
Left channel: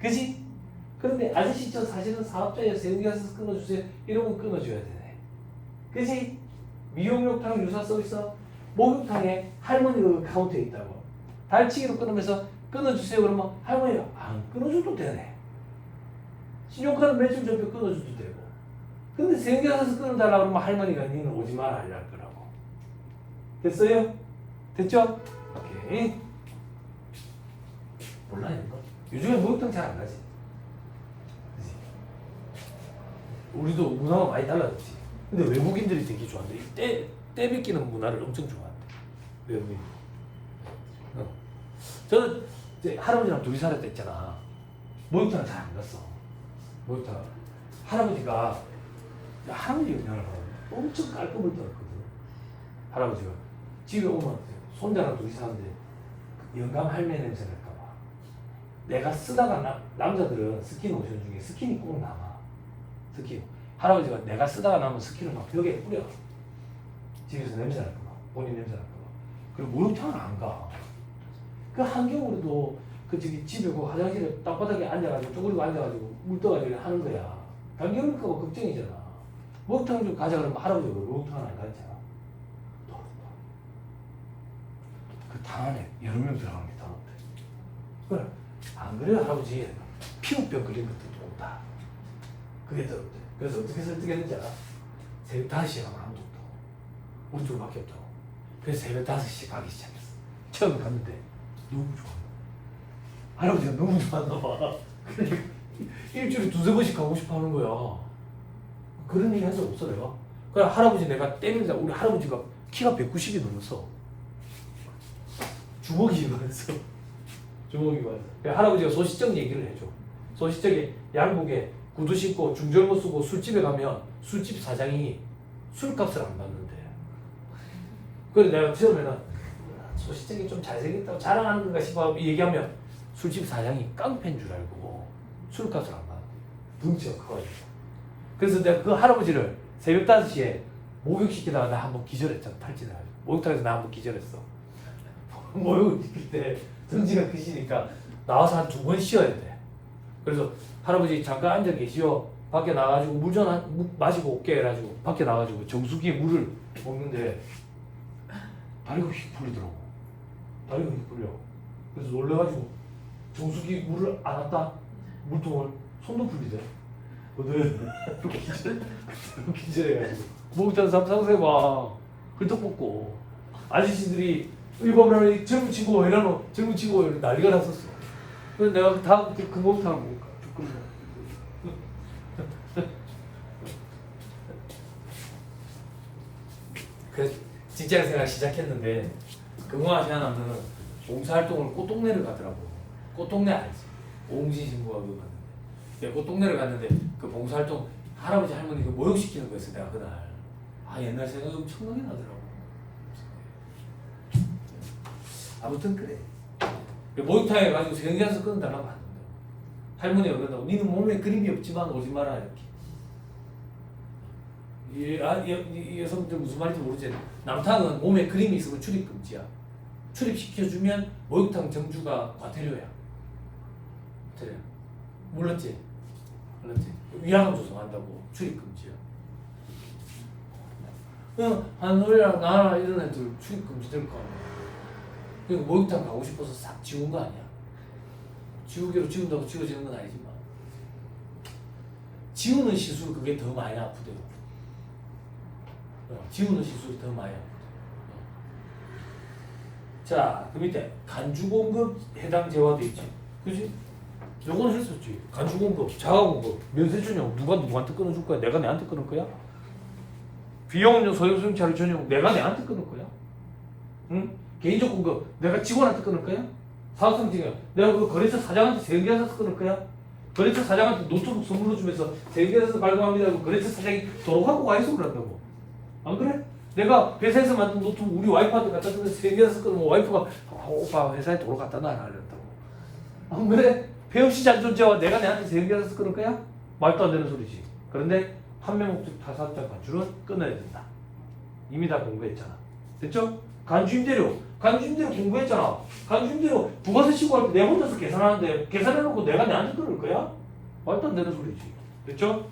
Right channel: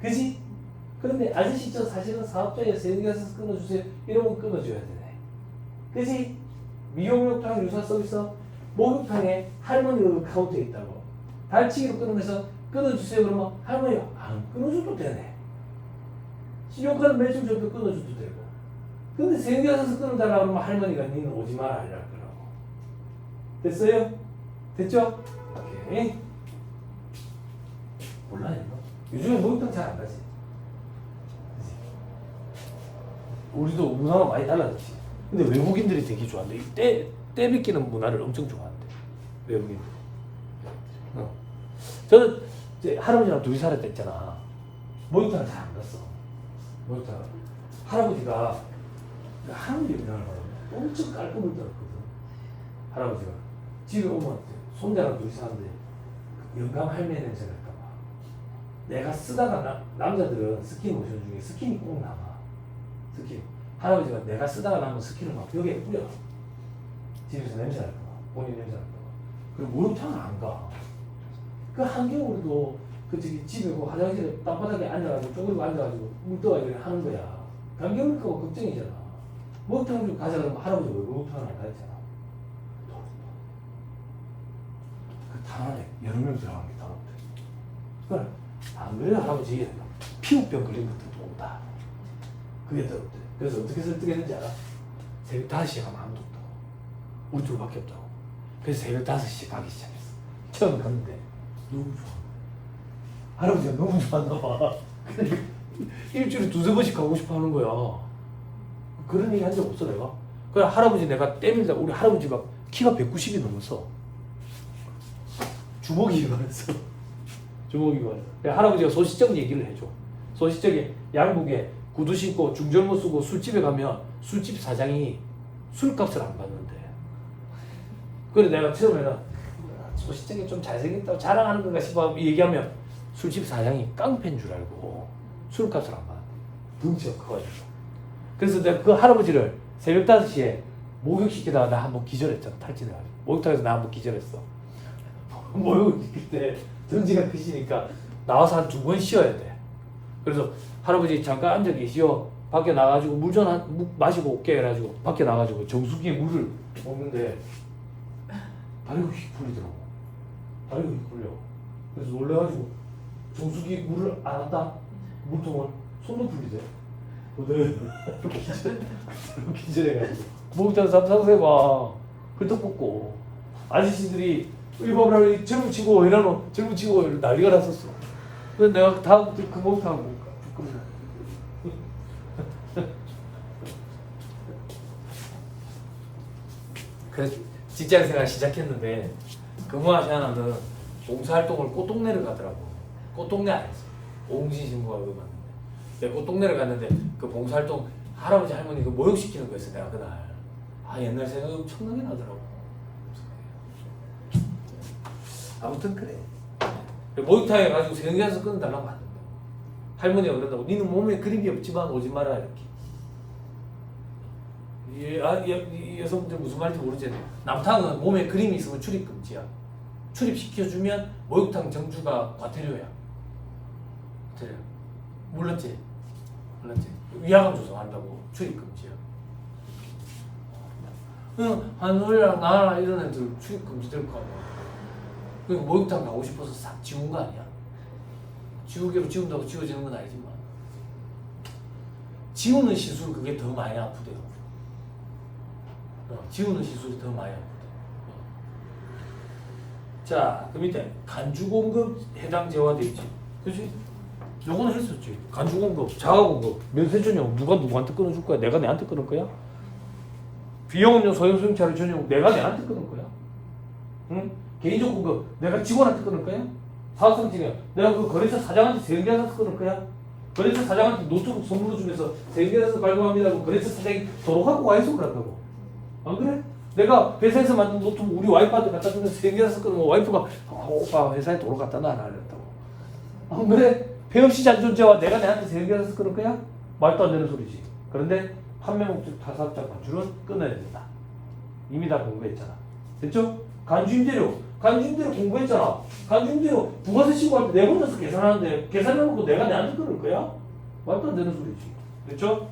그지? 그런데 아저씨 저 사실은 사업자예요. 세운계산서 끊어주세요. 이러면 끊어줘야 되네. 그지? 미용욕탕 유사 서비스 목욕탕에 할머니가 그 카운터에 있다고. 발치기로 끊으면서 끊어주세요. 그러면 할머니가 안 끊어줘도 되네. 신용카드 매출 전표 끊어줘도 되고. 근데 세운계산서 끊어달라 그러면 할머니가 니는 오지 마라 이럴 거라고. 됐어요? 됐죠? 오케이. 몰라 이거. 요즘에 목욕탕 잘 안 가지. 그치? 우리도 문화가 많이 달라졌지. 근데 외국인들이 되게 좋아한대. 때 빗기는 문화를 엄청 좋아한대. 외국인. 저는 이제 할아버지랑 둘이 살았을 때 있잖아. 목욕탕을 잘 안 갔어. 목욕탕. 할아버지가 그냥 엄청 깔끔을 떨었거든. 할아버지가 집에 오면 손자랑 둘이 사는데 영감 할매 냄새 날까봐. 내가 쓰다가 남자들은 스킨로션 중에 스킨이 꼭 남아. 스킨. 할아버지가 내가 쓰다가 남은 스킨을 막 벽에 뿌려. 집에서 냄새 날까봐. 본인 냄새 날까봐. 그리고 목욕탕을 안 가. 그 한겨울에도 그 집에 그 화장실에 땅바닥에 앉아가지고 쪼그리고 앉아가지고 물 떠가지고 하는 거야. 감기 올릴까 봐 걱정이잖아. 목욕탕 좀 가자 그러면 할아버지가 왜 목욕탕을 안 가잖아. 그 방 안에 여러 명 들어가는 게 더럽대. 안 그래요 할아버지? 피부병 걸린 것도 들어온다. 그게 들었대. 그래서 어떻게 설득했는지 알아? 새벽 5시에 가면 아무도 없다고. 우리 둘밖에 없다고. 그래서 새벽 5시에 가기 시작했어. 처음 갔는데 너무 좋아. 할아버지가 너무 좋았나 봐. 그러니까 일주일에 2-3번씩 가고 싶어 하는 거야. 그런 얘기 한 적 없어 내가. 그래 할아버지 내가 때밀다. 우리 할아버지가 키가 190이 넘었어. 주먹이 많았어. 주먹이 많았어. 그래 할아버지가 소시적 얘기를 해줘. 소시적에 양복에 구두 신고 중절모 쓰고 술집에 가면 술집 사장이 술값을 안 받는데. 그래 내가 처음에는 소시적이 좀 잘생겼다고 자랑하는 건가 싶어 얘기하면 술집 사장이 깡패인 줄 알고 술값을 안 받아. 덩치가 커가지고. 그래서 내가 그 할아버지를 새벽 5시에 목욕시키다가 나 한번 기절했잖아. 탈진해가지고. 목욕탕에서 나 한번 기절했어. 목욕시킬 때 덩치가 크시니까 나와서 한 2번 쉬어야 돼. 그래서 할아버지 잠깐 앉아 계시오. 밖에 나가지고 물 좀 마시고 올게 해가지고 밖에 나가지고 정수기에 물을 먹는데 다리가 휙 풀리더라고. 다리가 휙 풀려. 그래서 놀래가지고 정수기 물을 안 왔다. 물통을 손도 풀리대. 기절해가지고 목욕탕 상상해 봐. hul떡 꽂고 아저씨들이 일본을 정부치고 이러노 정부치고 난리가 났었어. 근데 내가 다음 그 목욕탕을 못 가. 부끄러워. 그 직장생활 시작했는데 근무한 시간은 봉사활동을 꽃동네를 가더라고. 꽃동네 아니지. 오웅시 신고가 그거 갔는데 꽃동네를 갔는데 그 봉사활동 할아버지 할머니 그 모욕시키는 거였어 내가 그날. 아 옛날 생각이 엄청나게 나더라고. 아무튼 그래. 목욕탕에 가지고 생각해서 끊는다면 안 된다. 할머니가 그런다고 니는 몸에 그림이 없지만 오지 마라 이렇게. 이 여성들 무슨 말인지 모르지. 남탕은 몸에 그림이 있으면 출입 금지야. 출입시켜주면 목욕탕 정주가 과태료야. 과태료. 몰랐지? 몰랐지? 위화감 조성한다고 출입 금지야. 그냥 한솔이랑 나나 이런 애들 출입 금지 될 거 아니야. 그리고 목욕탕 가고 싶어서 싹 지운 거 아니야? 지우개로 지운다고 지워지는 건 아니지만 지우는 시술 그게 더 많이 아프대요. 지우는 시술이 더 많이 아프대. 자, 그 밑에 간주공급 해당 재화돼 있지. 그지? 요거는 했었지. 간주공급, 자가공급, 면세전용 누가 누구한테 끊어줄 거야? 내가 내한테 끊을 거야? 비용업용 소형승차를 전용 내가 내한테 끊을 거야? 응? 개인적 공급 내가 직원한테 끊을 거야? 사업성 지금 내가 그 거래처 사장한테 세금계산서 끊을 거야? 거래처 사장한테 노트북 선물로 주면서 세금계산서 발급합니다 하고 거래처 사장이 도로 갖고 와이소를 한다고. 안 그래? 내가 회사에서 만든 노트북 우리 와이프한테 갖다 주면 세금계산서 끊으면 와이프가 오빠 회사에 도로 갖다 놔라 이랬다고. 안 그래? 폐업시 잔존제와 내가 내한테 세금계산서 끊을 거야? 말도 안 되는 소리지. 그런데 판매 목적 타사업자 반출은 끊어야 된다. 이미 다 공부했잖아. 됐죠? 간주임대료 공부했잖아. 간주임대료 부가세 신고할 때 내 혼자서 계산하는데 계산해놓고 내가 내한테 끊을 거야? 말도 안 되는 소리지. 됐죠?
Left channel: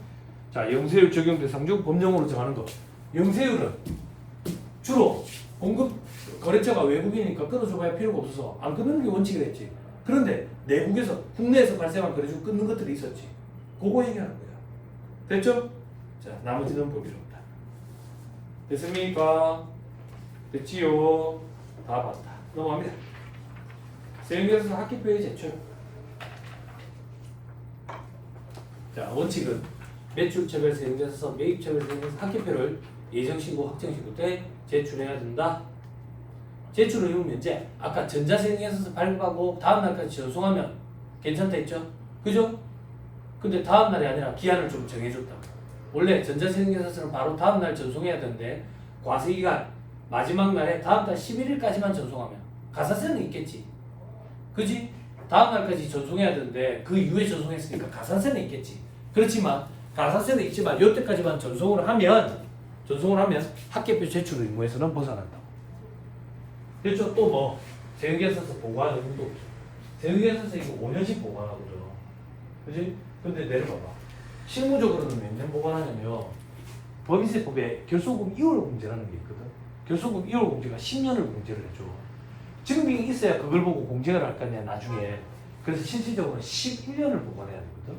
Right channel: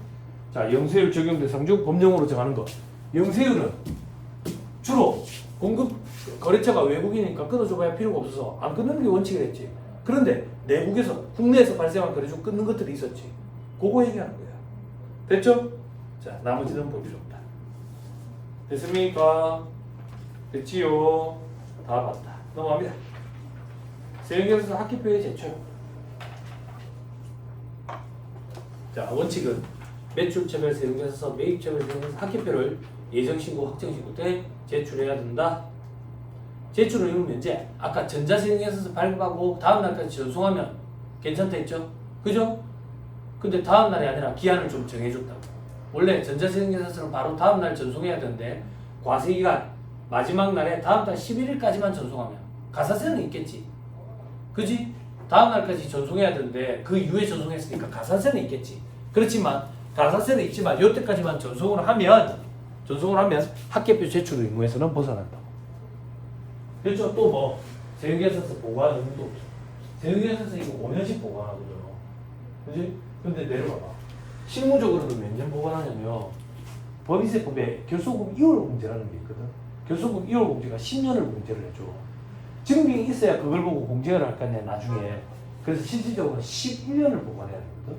자, 영세율 적용 대상 중 법령으로 정하는 거. 영세율은 주로 공급 거래처가 외국이니까 끊어줘봐야 필요가 없어서 안 끊는 게 원칙이었지. 그런데 내국에서 국내에서 발생한 거래 중 끊는 것들이 있었지. 그거 얘기하는 거야. 됐죠? 자, 나머지는 볼 필요 없다. 됐습니까? 됐지요? 다 봤다. 넘어갑니다. 세금계산서 학기표에 제출. 자, 원칙은 매출처별 세금계산서, 매입처별 세금계산서 학기표를 예정신고, 확정신고 때 제출해야 된다. 제출을 해놓으면 이제 아까 전자세금계산서 발급하고 다음날까지 전송하면 괜찮다 했죠? 그죠? 근데 다음날이 아니라 기한을 좀 정해줬다. 원래 전자세금계산서는 바로 다음날 전송해야 되는데 과세기간 마지막 날에 다음 달 11일까지만 전송하면 가산세는 있겠지. 그지? 다음 날까지 전송해야 되는데 그 이후에 전송했으니까 가산세는 있겠지. 그렇지만 가산세는 있지만 이때까지만 전송을 하면 학계표 제출 의무에서는 벗어난다. 그렇죠? 또 뭐 세금계산서 보고하는 의무도 없죠. 세금계산서 이거 5년씩 보관하거든. 그지? 근데 내려봐봐. 실무적으로는 몇 년 보관하냐면 법인세법에 결손금 2월 공제라는 게 있거든. 결손금 2월 공제가 10년을 공제를 해줘. 증빙이 있어야 그걸 보고 공제를 할 거 아니야 나중에. 그래서 실질적으로 11년을 보관해야 되거든.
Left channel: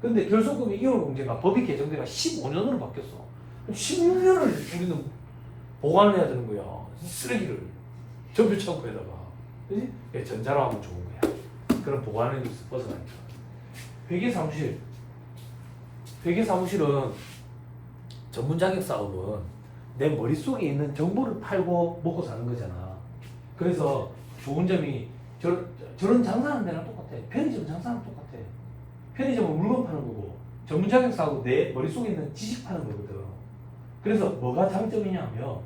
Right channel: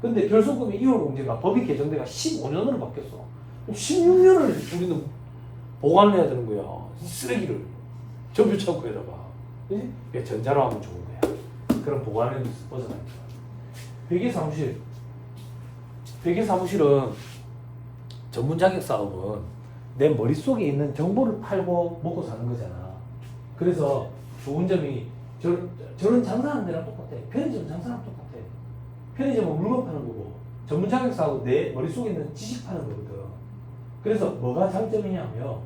근데 결손금이 이혼공제가 법이 개정돼가 15년으로 바뀌었어. 16년을 우리는 보관을 해야 되는 거야. 이 쓰레기를 전표창고에다가. 그지? 그게 전자로 하면 좋은 거야. 그런 보관에서 벗어나니까. 회계사무실. 회계사무실은 전문 자격 사업은 내 머릿속에 있는 정보를 팔고 먹고 사는 거잖아. 그래서 좋은 점이 저런 장사하는 데랑 똑같아. 편의점 장사하는 똑같아. 편의점은 물건 파는 거고 전문 자격 사업은 내 머릿속에 있는 지식 파는 거거든. 그래서 뭐가 장점이냐면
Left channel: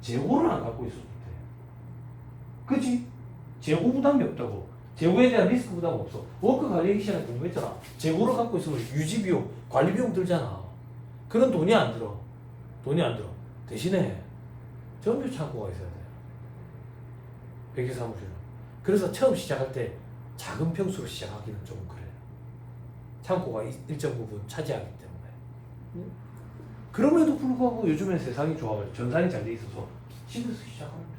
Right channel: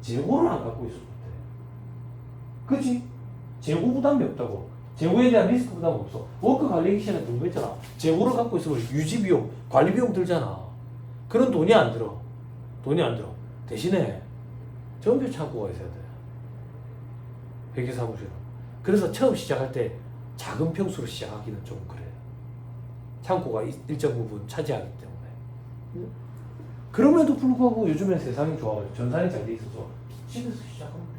재고를 안 갖고 있어도 돼. 그치? 재고 부담이 없다고. 재고에 대한 리스크 부담 없어. 워크 관리 시간에 공부했잖아. 재고를 갖고 있으면 유지 비용, 관리 비용 들잖아. 그런 돈이 안 들어. 돈이 안 들어. 대신에 전표 창고가 있어야 돼. 회계사무실은. 그래서 처음 시작할 때 작은 평수로 시작하기는 좀 그래. 창고가 일정 부분 차지하기 때문에. 그럼에도 불구하고 요즘엔 세상이 좋아가지고 전산이 잘 돼 있어서 집에서 시작하면 돼.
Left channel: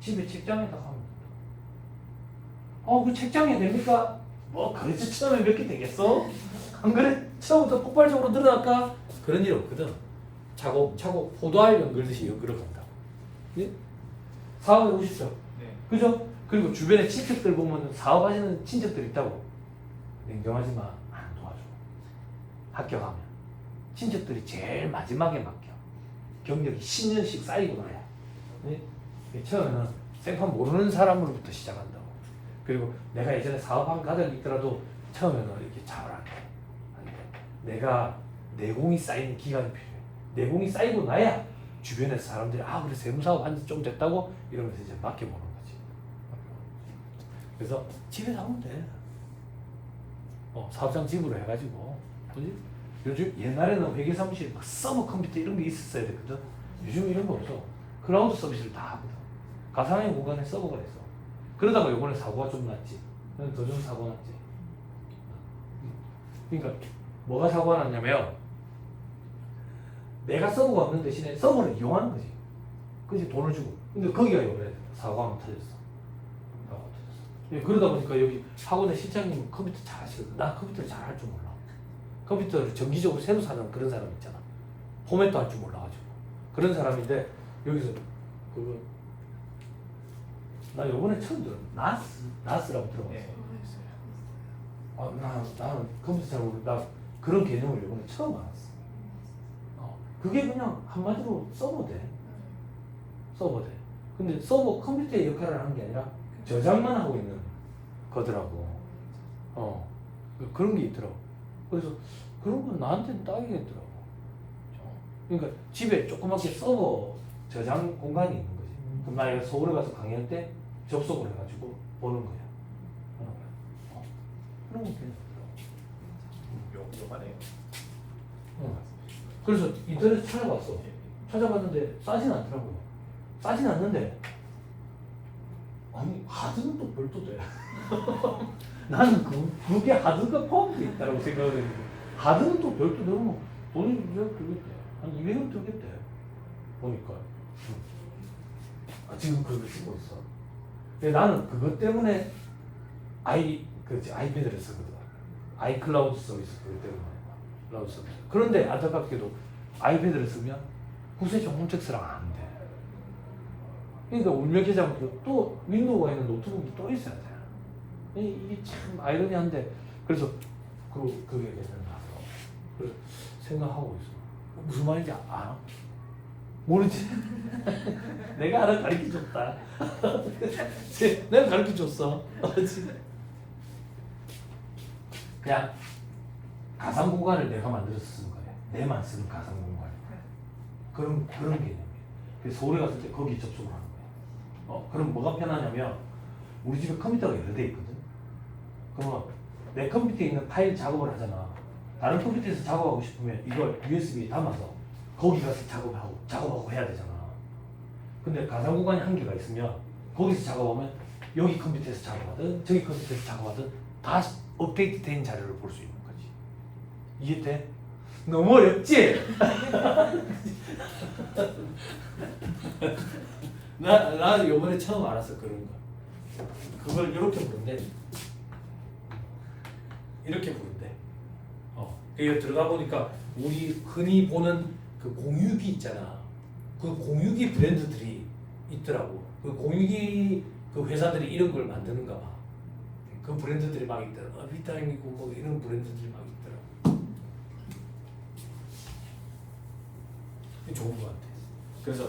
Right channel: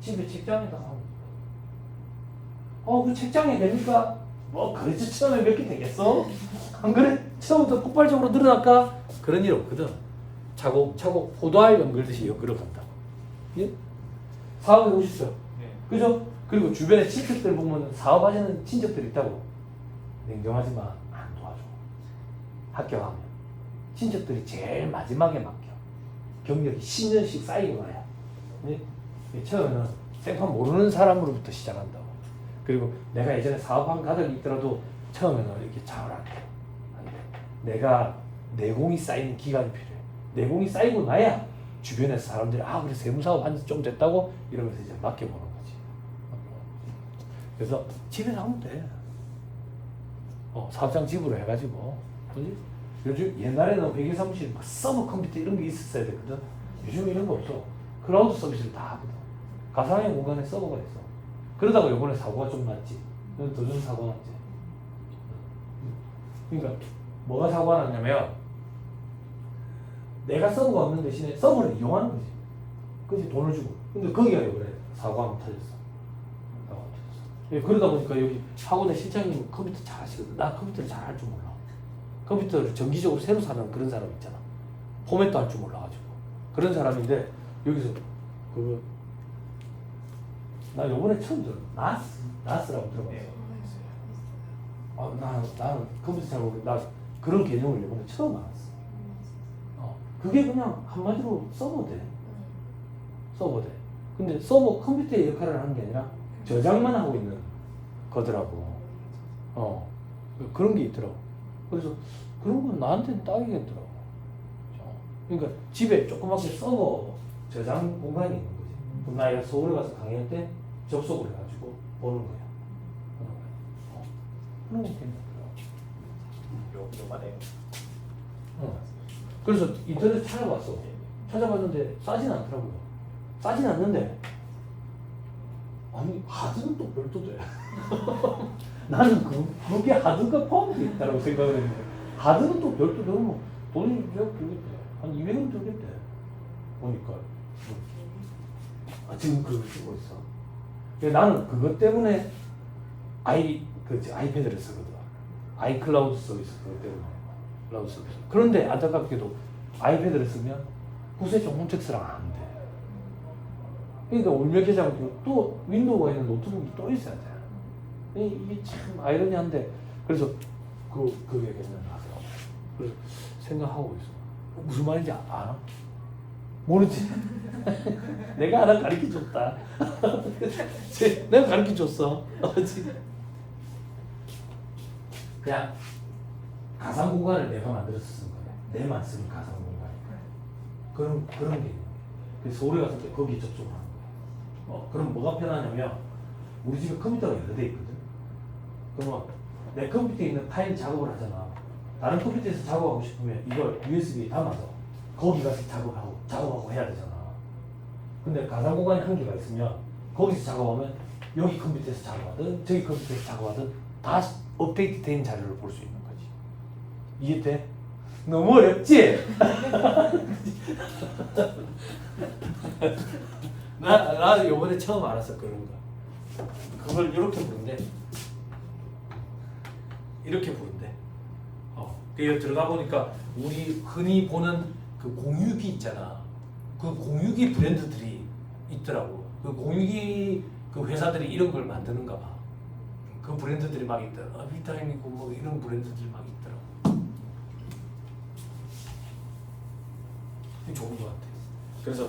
집에 책장에다 하면 돼. 그 책장에 됩니까? 뭐 그렇지 처음에 몇 개 되겠어? 안 그래? 처음부터 폭발적으로 늘어날까? 그런 일 없거든. 차곡차곡 포도알 연결듯이 연결을 간다. 예? 사업에 오십시오. 네. 그죠? 그리고 주변에 친척들 보면 사업하시는 친척들 있다고. 냉정하지만 안 도와줘. 합격하면 친척들이 제일 마지막에 맡겨. 경력이 10년씩 쌓이고 나야. 네? 처음에는 생판 모르는 사람으로부터 시작한다고. 그리고 내가 예전에 사업한 가족이 있더라도 처음에는 이렇게 잘 안 해. 내가 내공이 쌓이는 기간이 필요해. 내공이 쌓이고 나야 주변에서 사람들이 그래 세무사업 한 지 좀 됐다고 이러면서 이제 맡겨보는 거지. 그래서 집에 나오면 돼. 사업장 집으로 해가지고. 그지? 요즘 옛날에는 회계사무실 서버 컴퓨터 이런 게 있었어야 됐거든. 요즘은 이런 거 없어. 클라우드 서비스를 다 하거든. 가상의 공간에 서버가 있어. 그러다가 요번에 사고가 좀 났지. 더 좀 사고 났지. 그러니까 뭐가 사고가 났냐면 내가 서버가 없는 대신에 서버를 이용하는 거지. 그지? 돈을 주고. 근데 거기가 요번에 사고가 못 터졌어. 사고가 터졌어. 그러다 보니까 여기 학원의 실장님 컴퓨터 잘 하시거든. 나 컴퓨터를 잘 할 줄 몰라. 컴퓨터를 정기적으로 새로 사는 그런 사람 있잖아. 포맷도 할 줄 몰라가지고. 그런 사람인데 여기서 나 요번에 처음 들어. 나스라고 들어봤어. 네. 나는 컴퓨터 잘 모르는데 나 그런 개념을 요번에 처음 알았어. 그게 그냥 한마디로 서버 돼. 서버 돼. 근데 서버 컴퓨터의 역할을 하는 게 아니라 저장만 하고 있는 거더라고. 그런 게 있더라고. 그래서 그런 건 나한테는 딱이겠더라고. 그러니까 집에 조그맣게 서버 저장 공간이 있는 거지. 그럼 나 이거 서울에 가서 강의할 때 접속을 해가지고 보는 거야. 그런 거 괜찮더라고. 요만해요. 그래서 인터넷 찾아봤어. 찾아봤는데 싸진 않더라고요. 싸진 않는데 하드는 또 별도 돼. 나는 그게 하드가 포함되어 있다고 생각을 했는데 하드는 또 별도 너무 돈이 들겠대. 한 200원 들겠대. 보니까 지금 그거 쓰고 있어. 그래서 나는 그것 때문에 아이패드를 쓰거든. 아이클라우드 서비스 그것 때문에. 클라우드 서비스. 그런데 안타깝게도 아이패드를 쓰면 구세종 홈택스랑 안 돼. 그러니까 울며 계좌로 또 윈도우가 있는 노트북이 또 있어야 돼. 이게 참 아이러니한데 그래서 그게 나서 그래서 생각하고 있어. 무슨 말인지 알아? 모르지? 내가 하나 가르쳐줬다. 내가 가르쳐줬어. 그냥 가상 공간을 내가 만들어서 쓴 거야. 내만 쓰는 가상 공간. 그런 개념이야. 그래서 서울에 갔을 때 거기 접속을 하는 거야. 그럼 뭐가 편하냐면 우리 집에 컴퓨터가 여러 대 있거든. 그러면 내 컴퓨터에 있는 파일 작업을 하잖아. 다른 컴퓨터에서 작업하고 싶으면 이걸 USB에 담아서 거기 가서 작업하고 해야 되잖아. 근데 가상 공간이 한계가 있으면 거기서 작업하면 여기 컴퓨터에서 작업하든 저기 컴퓨터에서 작업하든 다 업데이트된 자료를 볼 수 있는 거지. 이해돼? 너무 어렵지? 나 요번에 처음 알았어 그런 거. 그걸 이렇게 부른대. 이렇게 부른대. 그 들어가 보니까 우리 흔히 보는 그 공유기 있잖아. 그 공유기 브랜드들이 있더라고. 그 공유기 그 회사들이 이런 걸 만드는가 봐. 그 브랜드들이 막 있더라고. 비타임이고 뭐 이런 브랜드들이 막 있더라고. 이게 좋은 것 같아. 그래서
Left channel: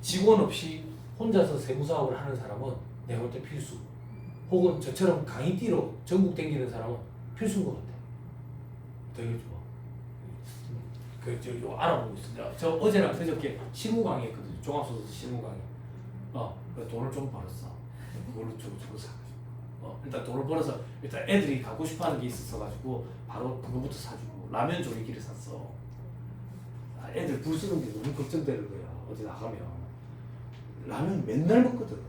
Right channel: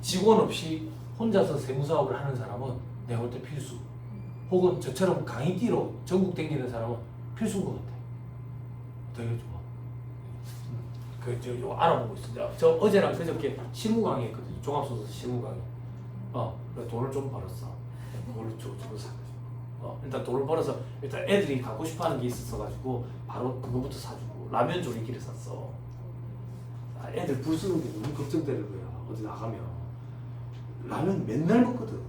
직원 없이 혼자서 세무사업을 하는 사람은 내가 볼 때 필수. 혹은 저처럼 강의띠로 전국 댕기는 사람은 필수인 것 같아. 되게 좋아. 저 알아보고 있습니다. 저 어제랑 그저께 실무 강의했거든요. 종합소득 실무 강의. 그래서 돈을 좀 벌었어. 그걸로 주고 사가지고. 일단 돈을 벌어서 일단 애들이 갖고 싶어하는 게 있었어가지고 바로 그거부터 사주고 라면 조리기를 샀어. 애들 불 쓰는 게 너무 걱정되는 거야. 어디 나가면 라면 맨날 먹거든.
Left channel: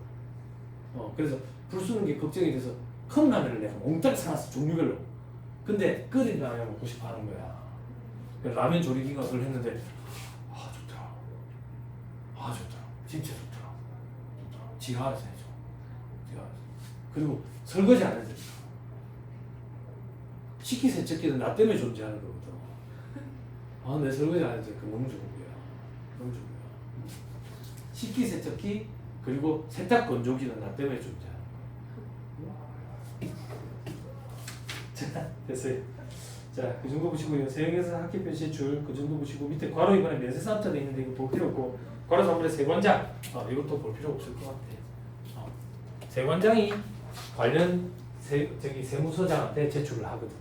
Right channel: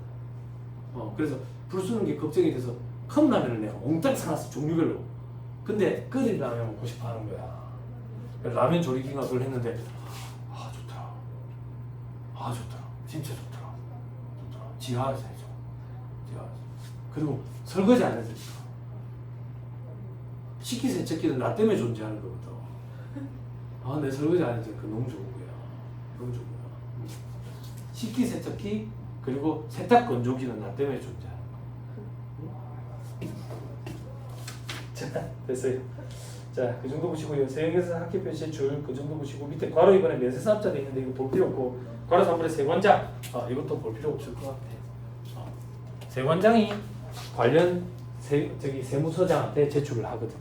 그래서 불 쓰는 게 걱정이 돼서 큰 라면을 내가 몽땅 사놨어. 종류별로. 근데 끓인 라면 먹고 싶어 하는 거야. 라면 조리기가 그걸 했는데 좋더라. 좋더라. 진짜 좋더라. 지하에서 해줘. 지하에서. 그리고 설거지 안 해줘. 식기세척기는 나 때문에 존재하는 거거든. 내 설거지 안 해줘. 그 너무 좋은 거야. 너무 좋은 거야. 식기세척기 그리고 세탁 건조기는 나 때문에 존재하는 거야. 자, 됐어요. 자, 그 정도 보시고요. 세계에서 학기 표시 줄 그 정도 보시고 밑에 괄호 이번에 면세 사업자도 있는데 이거 볼 필요 없고 괄호 상분의 세관장 이것도 볼 필요 없을 것 같아요. 세관장이 관련 세무서장한테 제출을 하거든요.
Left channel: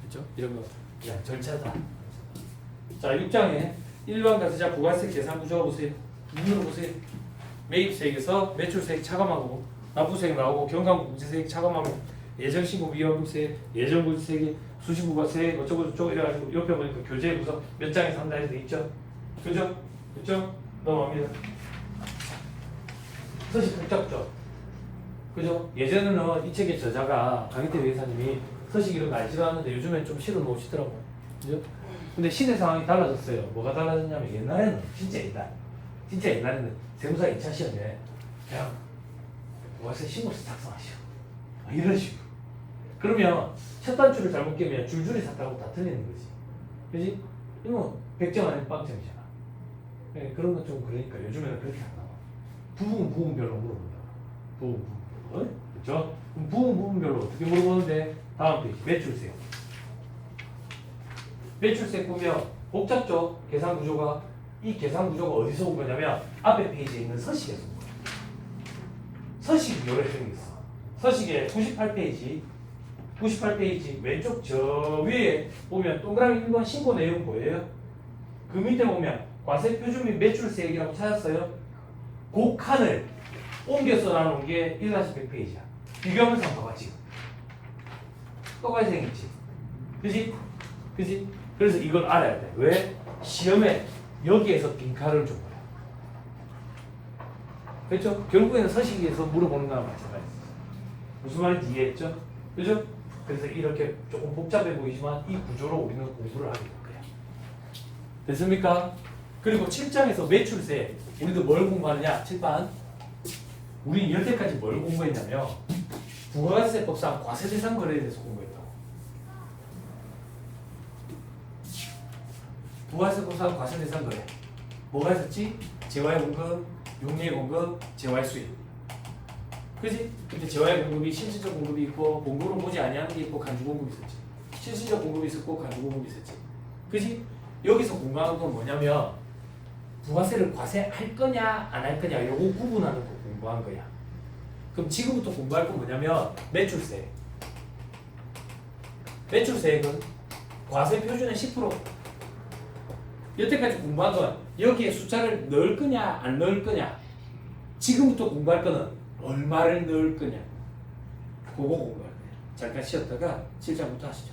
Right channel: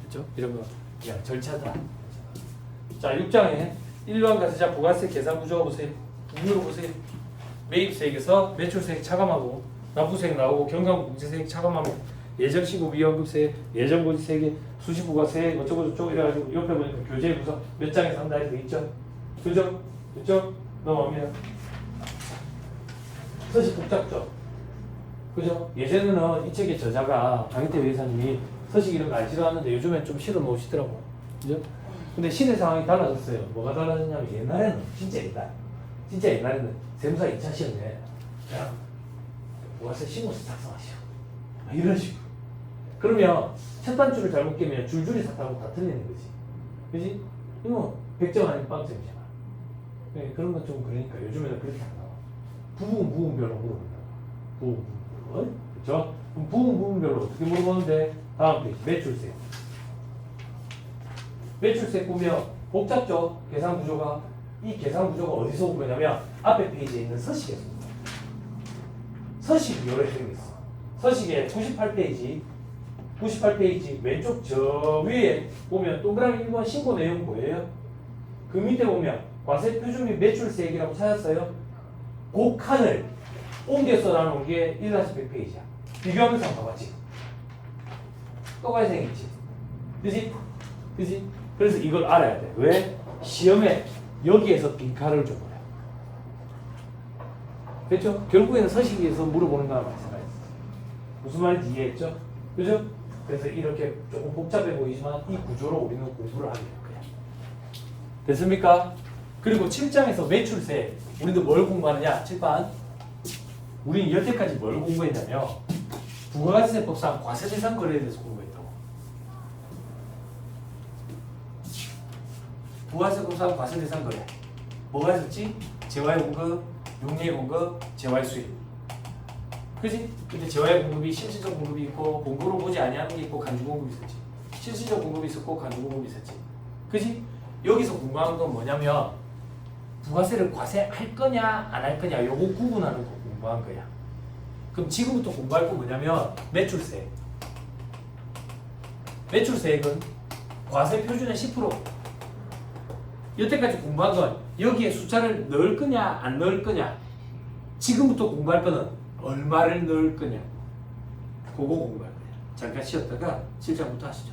그렇죠? 이런 거 그냥 절차다. 자, 6장에 일반 과세자 부가세 계산 구조 보세요. 이유로 보세요. 매입세액에서 매출세액 차감하고 납부세액 나오고 경감국제세액 차감하고 예정시급 위험급세, 예정고지세액, 수시부가세 어쩌고저쩌고 이래가지고 옆에 보니까 교재에서 몇 장에 산다 해서 있죠? 그죠? 그죠? 넘어갑니다. 서식 복잡죠? 그죠? 예전에는 이 책의 저자가 강희태 회사님이 서식 이런 거 안 싫어하는데 요즘엔 좀 실어 놓으시더라고요. 그죠? 근데 시대 상황이 달라졌어요. 뭐가 달라졌냐면 옛날에는 진짜 옛날에는 세무사 2차 시험에 그냥 부가세 신고서 작성하시오. 이런 식으로. 그러면 첫 단추를 잘못 깨면 줄줄이 삭하고 다 틀리는 거지. 그지? 이거 100점 아니면 빵점이잖아. 네, 그런 건 좀 그러니까 요즘에는 그렇게 안 나와. 부분별로 물어본다. 부분. 그렇죠? 그럼 부분별로 어떻게 물어보는데 다음 페이지 매출세. 매출세 보면 복잡죠? 계산 구조가. 이 계산 구조가 어디서 온 거냐면 앞에 페이지에 있는 서식에서 온 거야. 서식이 요래 생겼어. 서식의 98페이지 왼쪽 저 위에 보면 동그라미 1번 신고 내용 보여요? 그 밑에 보면 과세 표준 및 매출세액이라고 찾았어요? 그 칸을 옮겨 써놔놓은 게 1-100페이지야. 비교하면서 한번 봐봐 지금. 똑같이 생겼지? 그지? 그지? 그래서 이걸 알아야 돼. 왜? 시험에 여기에서 빈칸을 준 거야. 그렇죠? 결국에는 서식에서 물어보는 거랑 마찬가지죠. 무슨 말인지 이해했죠? 그죠? 그래서 이렇게 조금 복잡해 보이지만 이 구조로 우리는 공부를 하게 될 거야. 됐습니까? 그리고 7장에서 매출세 우리도 뭘 공부하느냐? 7반 우리는 여태까지 뭘 공부했냐면 부가세법상 과세대상 거래에 대해서 공부했다고. 부가세법상 과세대상 거래 뭐가 있었지? 재화의 공급, 용리의 공급, 재화의 수입. 그지? 근데 재화의 공급이 실질적 공급이 있고 공급으로 보지 아니하는 게 있고 간주 공급이 있었지. 실질적 공급이 있었고 간주 공급이 있었지. 그지? 여기서 궁금한 건 뭐냐면 부가세를 과세할 거냐 안 할 거냐 요거 구분하는 거 공부한 거야. 그럼 지금부터 공부할 건 뭐냐면 매출세. 매출세액은 과세 표준의 10%. 여태까지 공부한 건 여기에 숫자를 넣을 거냐 안 넣을 거냐. 지금부터 공부할 거는 얼마를 넣을 거냐. 그거 공부할 거예요. 잠깐 쉬었다가 7장부터 하시죠.